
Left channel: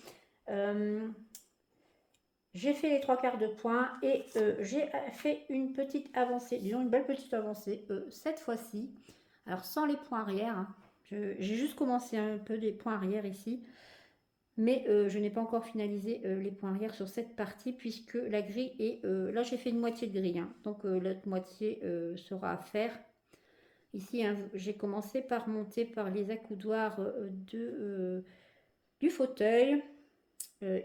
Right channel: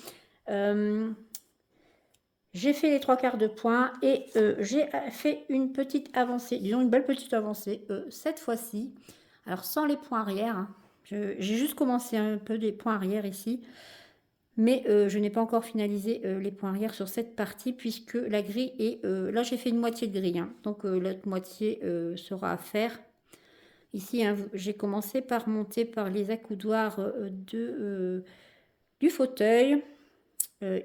J'ai fait les trois quarts de points et j'ai fait une petite avancée, disons une belle petite avancée cette fois-ci. Alors sans les points arrière, hein. J'ai juste commencé un peu des points arrière ici, mais je n'ai pas encore finalisé les points arrière sur cette partie puisque la grille est... là j'ai fait une moitié de grille, hein, donc l'autre moitié sera à faire. Ici, hein, j'ai commencé par monter par les accoudoirs du fauteuil.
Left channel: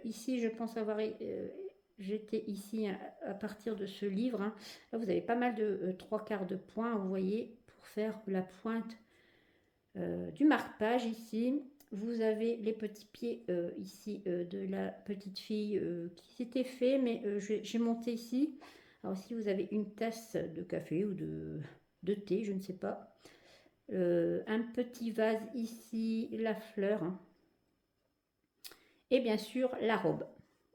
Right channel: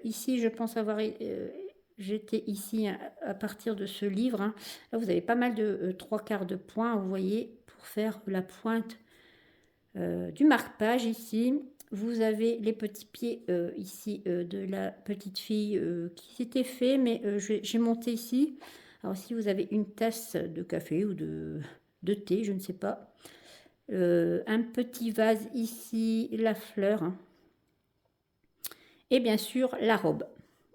Ici, je pense avoir... j'étais ici à partir de ce livre, hein. Là, vous avez pas mal de trois quarts de points, vous voyez, pour faire la pointe du marque-page ici. Vous avez les petits pieds ici de la petite fille qui s'était fait, mais j'ai monté ici. Alors ici, vous avez une tasse de café ou de thé, je ne sais pas. Un petit vase ici, la fleur, hein. Et bien sûr, la robe.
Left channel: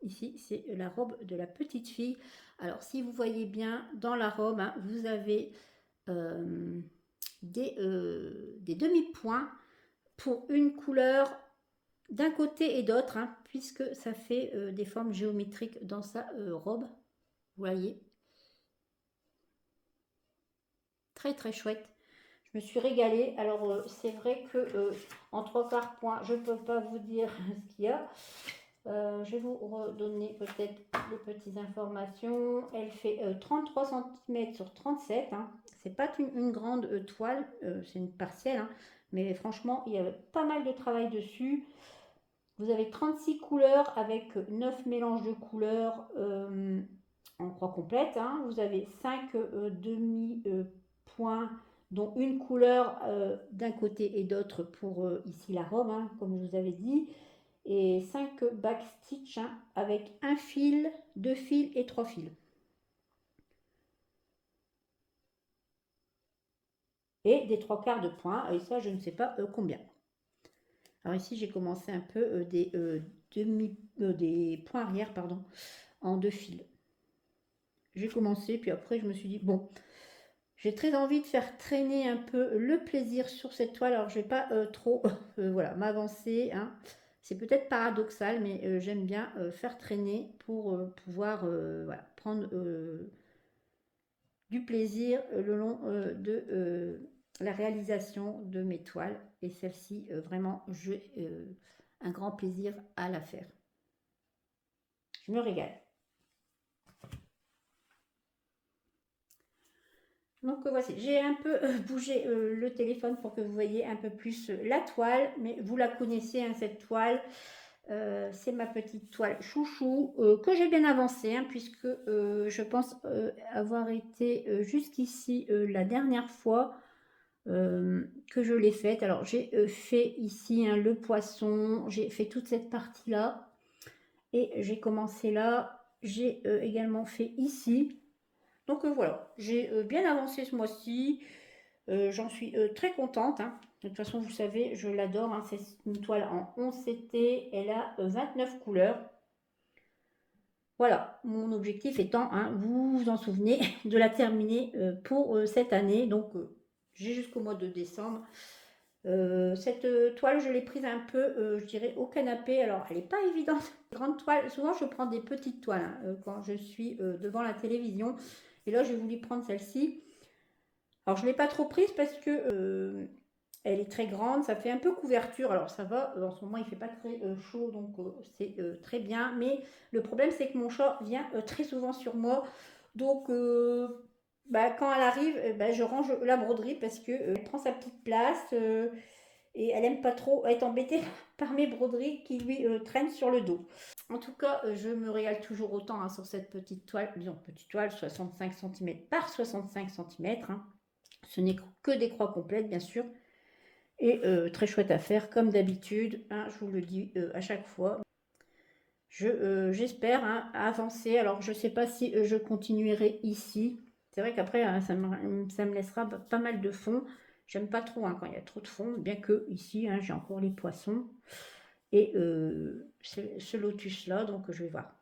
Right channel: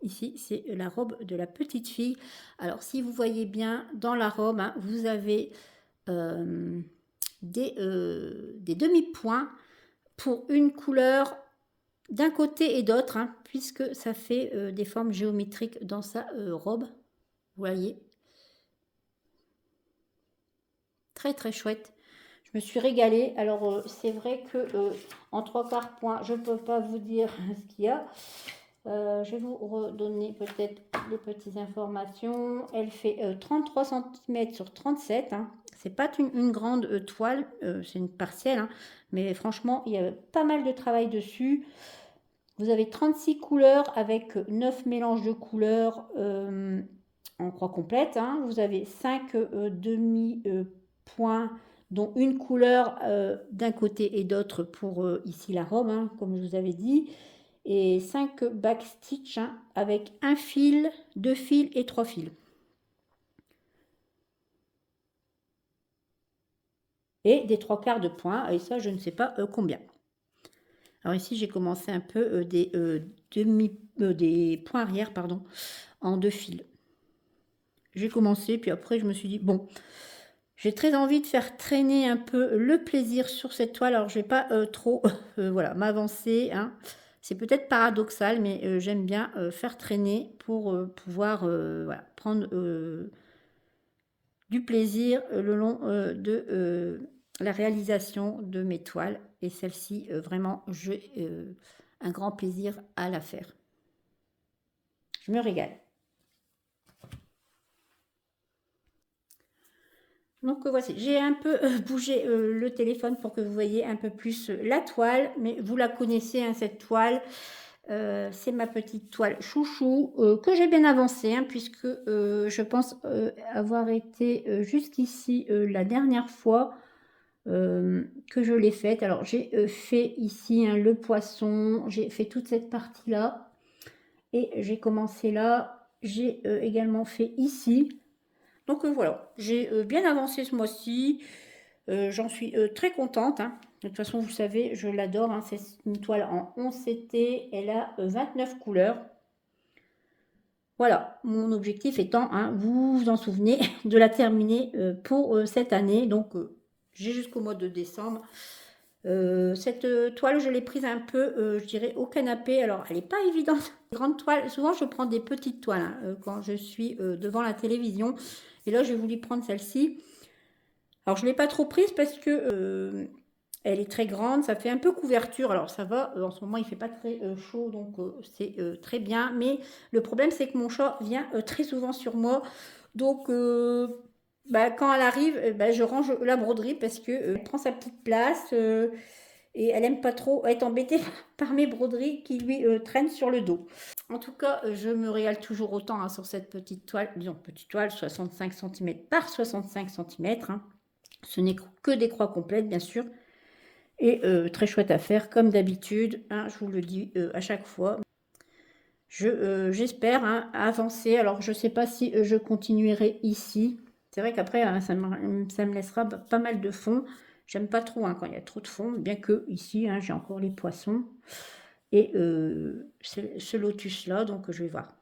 Ici, c'est la robe de la petite fille. Alors, si vous voyez bien, dans la robe, hein, vous avez des demi-points pour une couleur d'un côté et d'autre, hein, puisque ça fait des formes géométriques dans sa robe. Vous voyez, très très chouette. Je me suis régalée. Alors c'est vrai que en trois quarts points, je ne peux pas vous dire ce qu'il y a. Je vais vous redonner peut-être les petites informations. Elle fait 33 cm sur 37, hein. C'est pas une grande toile, c'est une partielle, hein. Mais franchement, il y a pas mal de travail dessus. Vous avez 36 couleurs avec 9 mélanges de couleurs en croix complète, hein. Vous avez 5 demi-points dont une couleur d'un côté et d'autre pour ici la robe, hein, comme je vous avais dit, et 5 backstitch hein, avec un fil, 2 fils et 3 fils. Et des 3/4 de point, et ça je ne sais pas combien. Alors ici j'ai commencé un peu des points arrière pardon, en 2 fils. J'ai commencé, puis après je me suis dit, bon, j'ai très envie de faire traîner un peu le plaisir sur cette toile. Alors je vais pas trop voilà, m'avancer, hein. C'est peut-être paradoxal, mais j'aime bien faire traîner pour pouvoir voilà, prendre du plaisir le long de la réalisation de mes toiles. Et celle-ci, vraiment, j'ai un grand plaisir à la faire. Je me régale. Donc voici, j'ai un peu bougé le téléphone pour que vous voyez un peu plus la toile, mais vous la connaissez, hein, cette toile. C'est ma petite toile chouchou que j'ai bien avancée, hein, puisque je pense avoir été jusqu'ici la dernière fois que je l'ai faite. Alors j'ai fait ici hein, le poisson, j'ai fait toute cette partie-là, et j'ai commencé là, j'ai également fait ici. Donc voilà, j'ai bien avancé ce mois-ci, j'en suis très contente, hein. De toute façon, vous savez, je l'adore, hein. C'est une toile en 11 CT, elle a 29 couleurs. Voilà, mon objectif étant, hein, vous vous en souvenez, de la terminer pour cette année. Donc j'ai jusqu'au mois de décembre. Cette toile, je l'ai prise un peu, je dirais, au canapé. Alors, elle n'est pas évidente. Grande toile, souvent je prends des petites toiles hein, quand je suis devant la télévision. Et là, j'ai voulu prendre celle-ci. Alors, je ne l'ai pas trop prise parce que elle est très grande. Ça fait un peu couverture. Alors, ça va. En ce moment, il ne fait pas très chaud, donc c'est très bien. Mais le problème, c'est que mon chat vient très souvent sur moi. Donc, bah, quand elle arrive, bah, je range la broderie parce que elle prend sa petite place. Et elle aime pas trop être embêtée par mes broderies qui lui traînent sur le dos. En tout cas, je me régale toujours autant hein, sur cette petite toile, disons petite toile 65 cm par 65 cm. Hein. Ce n'est que des croix complètes, bien sûr, et très chouette à faire, comme d'habitude. Hein, je vous le dis à chaque fois. J'espère hein, avancer. Alors, je ne sais pas si je continuerai ici. C'est vrai qu'après, hein, ça me laissera pas mal de fond. J'aime pas trop hein, quand il y a trop de fond, bien que ici, hein, j'ai encore les poissons. Et ce lotus-là, donc je vais voir.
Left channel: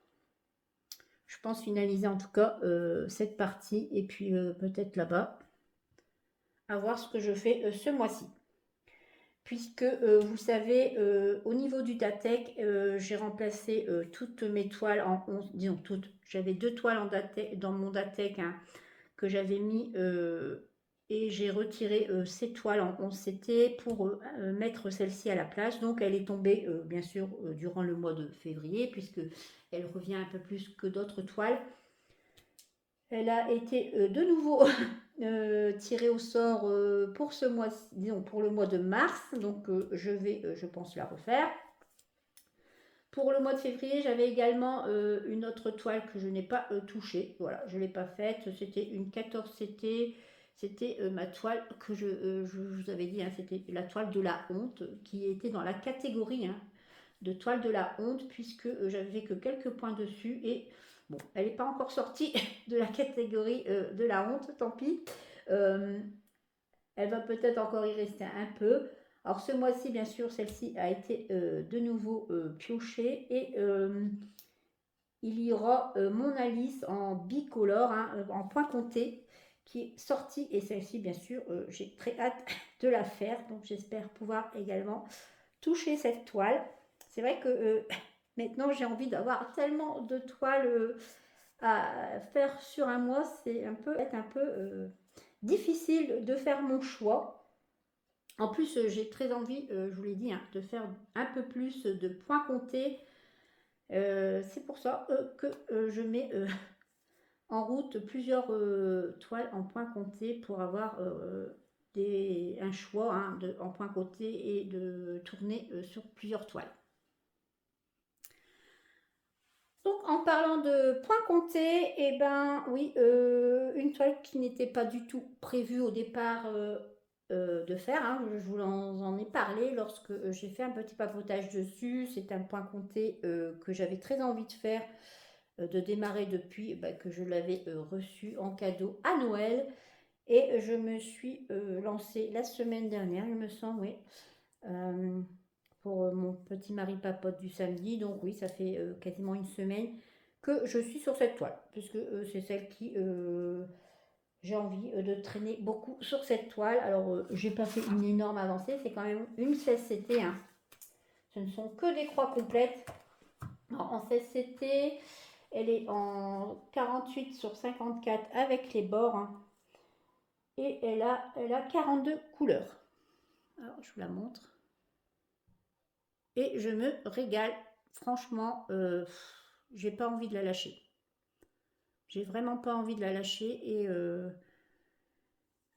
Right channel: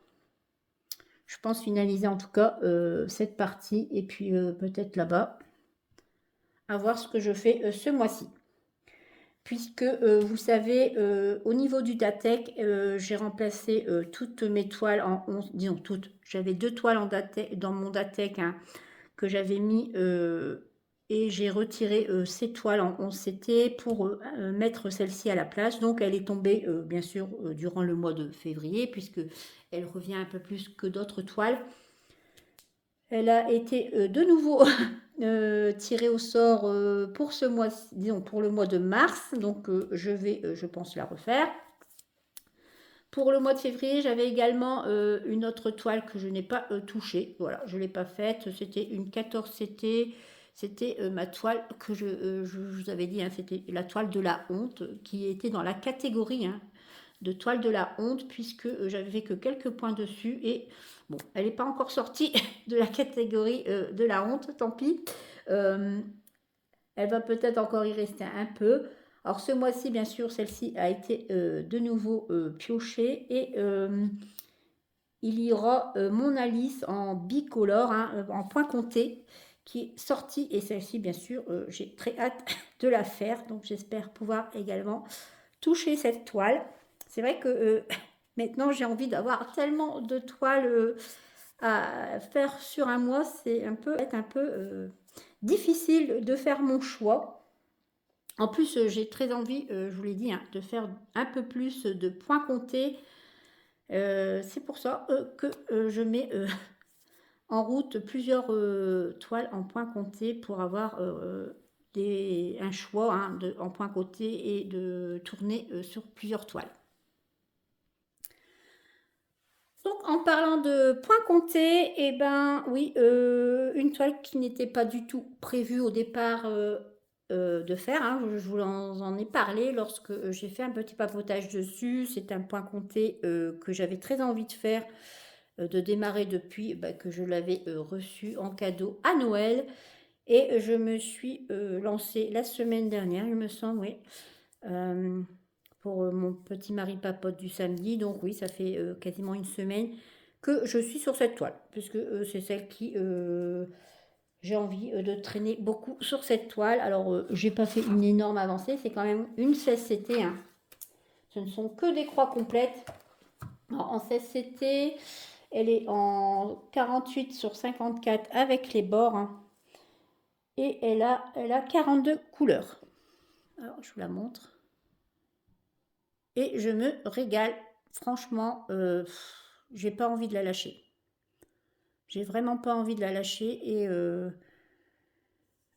Je pense finaliser en tout cas cette partie et puis peut-être là-bas. À voir ce que je fais ce mois-ci. Puisque vous savez, au niveau du Datek, j'ai remplacé toutes mes toiles en 11, disons toutes. J'avais 2 toiles en Datek, dans mon Datek hein, que j'avais mis et j'ai retiré ces toiles en 11 CT pour mettre celle-ci à la place. Donc elle est tombée bien sûr durant le mois de février puisque elle revient un peu plus que d'autres toiles. Elle a été de nouveau tirée au sort pour ce mois, disons pour le mois de mars. Donc je vais, je pense, la refaire. Pour le mois de février, j'avais également une autre toile que je n'ai pas touchée. Voilà, je ne l'ai pas faite. C'était une 14 CT. C'était ma toile que je vous avais dit, hein, c'était la toile de la honte, qui était dans la catégorie hein, de toile de la honte, puisque j'avais fait que quelques points dessus. Et bon, elle n'est pas encore sortie de la catégorie de la honte, tant pis. Elle va peut-être encore y rester un peu. Alors ce mois-ci, bien sûr, celle-ci a été de nouveau piochée et il y aura mon Alice en bicolore, hein, en point compté, qui est sortie. Et celle-ci, bien sûr, j'ai très hâte de la faire. Donc j'espère pouvoir également toucher cette toile. C'est vrai que maintenant, j'ai envie d'avoir tellement de toiles à faire sur un mois. C'est un peu difficile de faire mon choix. En plus, j'ai très envie, je vous l'ai dit, hein, de faire un peu plus de points comptés. C'est pour ça que je mets en route plusieurs toiles en points comptés pour avoir un choix hein, en points comptés et de tourner sur plusieurs toiles. Donc en parlant de points comptés, eh ben oui, une toile qui n'était pas du tout prévue au départ de faire, hein. Je vous en ai parlé lorsque j'ai fait un petit papotage dessus. C'est un point compté que j'avais très envie de faire, de démarrer depuis bah, que je l'avais reçu en cadeau à Noël. Et je me suis lancée la semaine dernière, il me semble, oui, euh, pour mon petit mari papote du samedi. Donc oui, ça fait quasiment une semaine que je suis sur cette toile, puisque c'est celle qui j'ai envie de traîner beaucoup sur cette toile. Alors j'ai pas fait une énorme avancée, c'est quand même une 16CT, hein. Ce ne sont que des croix complètes. Alors, en 16CT, elle est en 48 sur 54 avec les bords, hein. Et elle a 42 couleurs. Alors je vous la montre. Et je me régale. Franchement, j'ai pas envie de la lâcher. J'ai vraiment pas envie de la lâcher. Et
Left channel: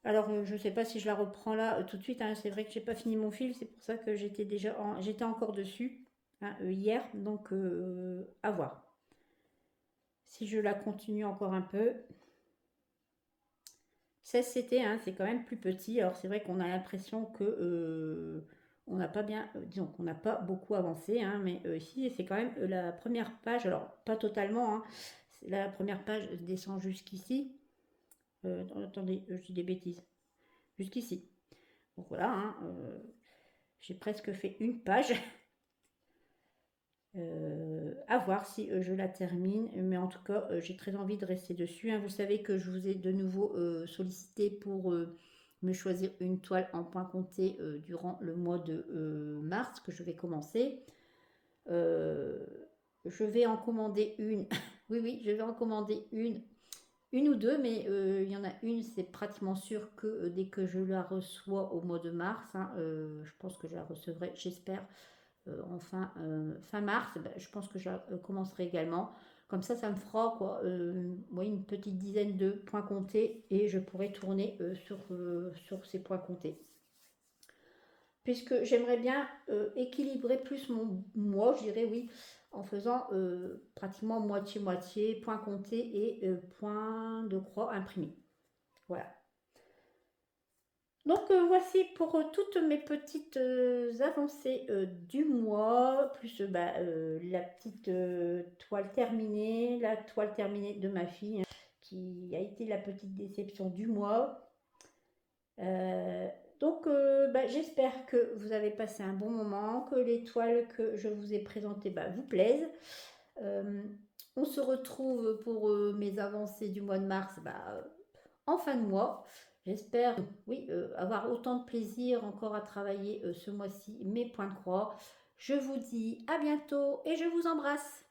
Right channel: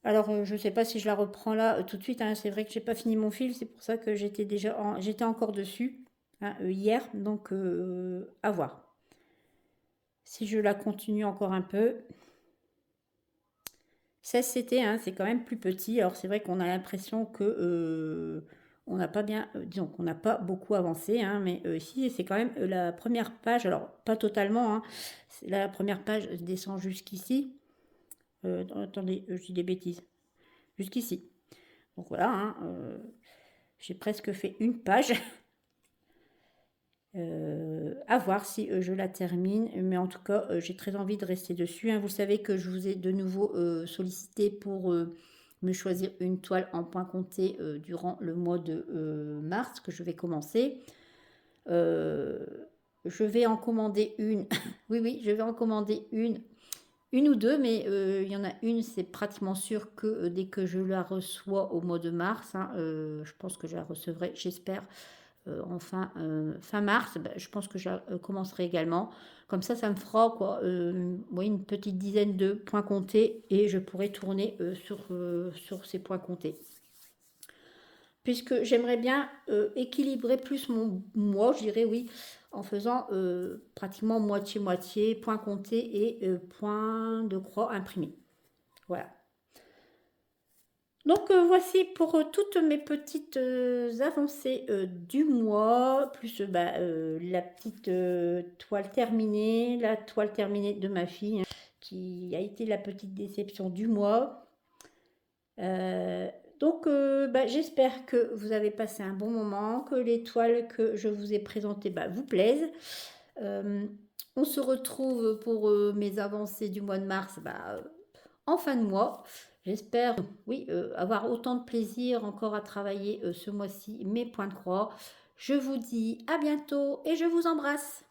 alors, je sais pas si je la reprends là tout de suite, hein. C'est vrai que j'ai pas fini mon fil. C'est pour ça que j'étais encore dessus, hein, hier. Donc, à voir. Si je la continue encore un peu. 16CT, hein, c'est quand même plus petit. Alors, c'est vrai qu'on a l'impression que on n'a pas bien, disons qu'on n'a pas beaucoup avancé, hein, mais ici c'est quand même la première page, alors pas totalement, hein, la première page descend jusqu'ici. Attendez, je dis des bêtises, jusqu'ici. Donc voilà, hein, j'ai presque fait une page. À voir si je la termine, mais en tout cas j'ai très envie de rester dessus, hein. Vous savez que je vous ai de nouveau sollicité pour me choisir une toile en point compté durant le mois de mars que je vais commencer. Euh, je vais en commander une. Oui, oui, je vais en commander une ou deux, mais il y en a une, c'est pratiquement sûr que dès que je la reçois au mois de mars, hein, je pense que je la recevrai, j'espère, en fin mars. Bah, je pense que je commencerai également. Comme ça me fera quoi, ouais, une petite dizaine de points comptés et je pourrai tourner sur ces points comptés. Puisque j'aimerais bien équilibrer plus mon mois, je dirais oui, en faisant pratiquement moitié-moitié, points comptés et points de croix imprimés. Voilà. Donc voici pour toutes mes petites avancées du mois, plus bah, la petite toile terminée, la toile terminée de ma fille, hein, qui a été la petite déception du mois. Euh, donc bah, j'espère que vous avez passé un bon moment, que les toiles que je vous ai présentées bah, vous plaisent. Euh, on se retrouve pour mes avancées du mois de mars bah, en fin de mois. J'espère, oui, avoir autant de plaisir encore à travailler ce mois-ci mes points de croix. Je vous dis à bientôt et je vous embrasse.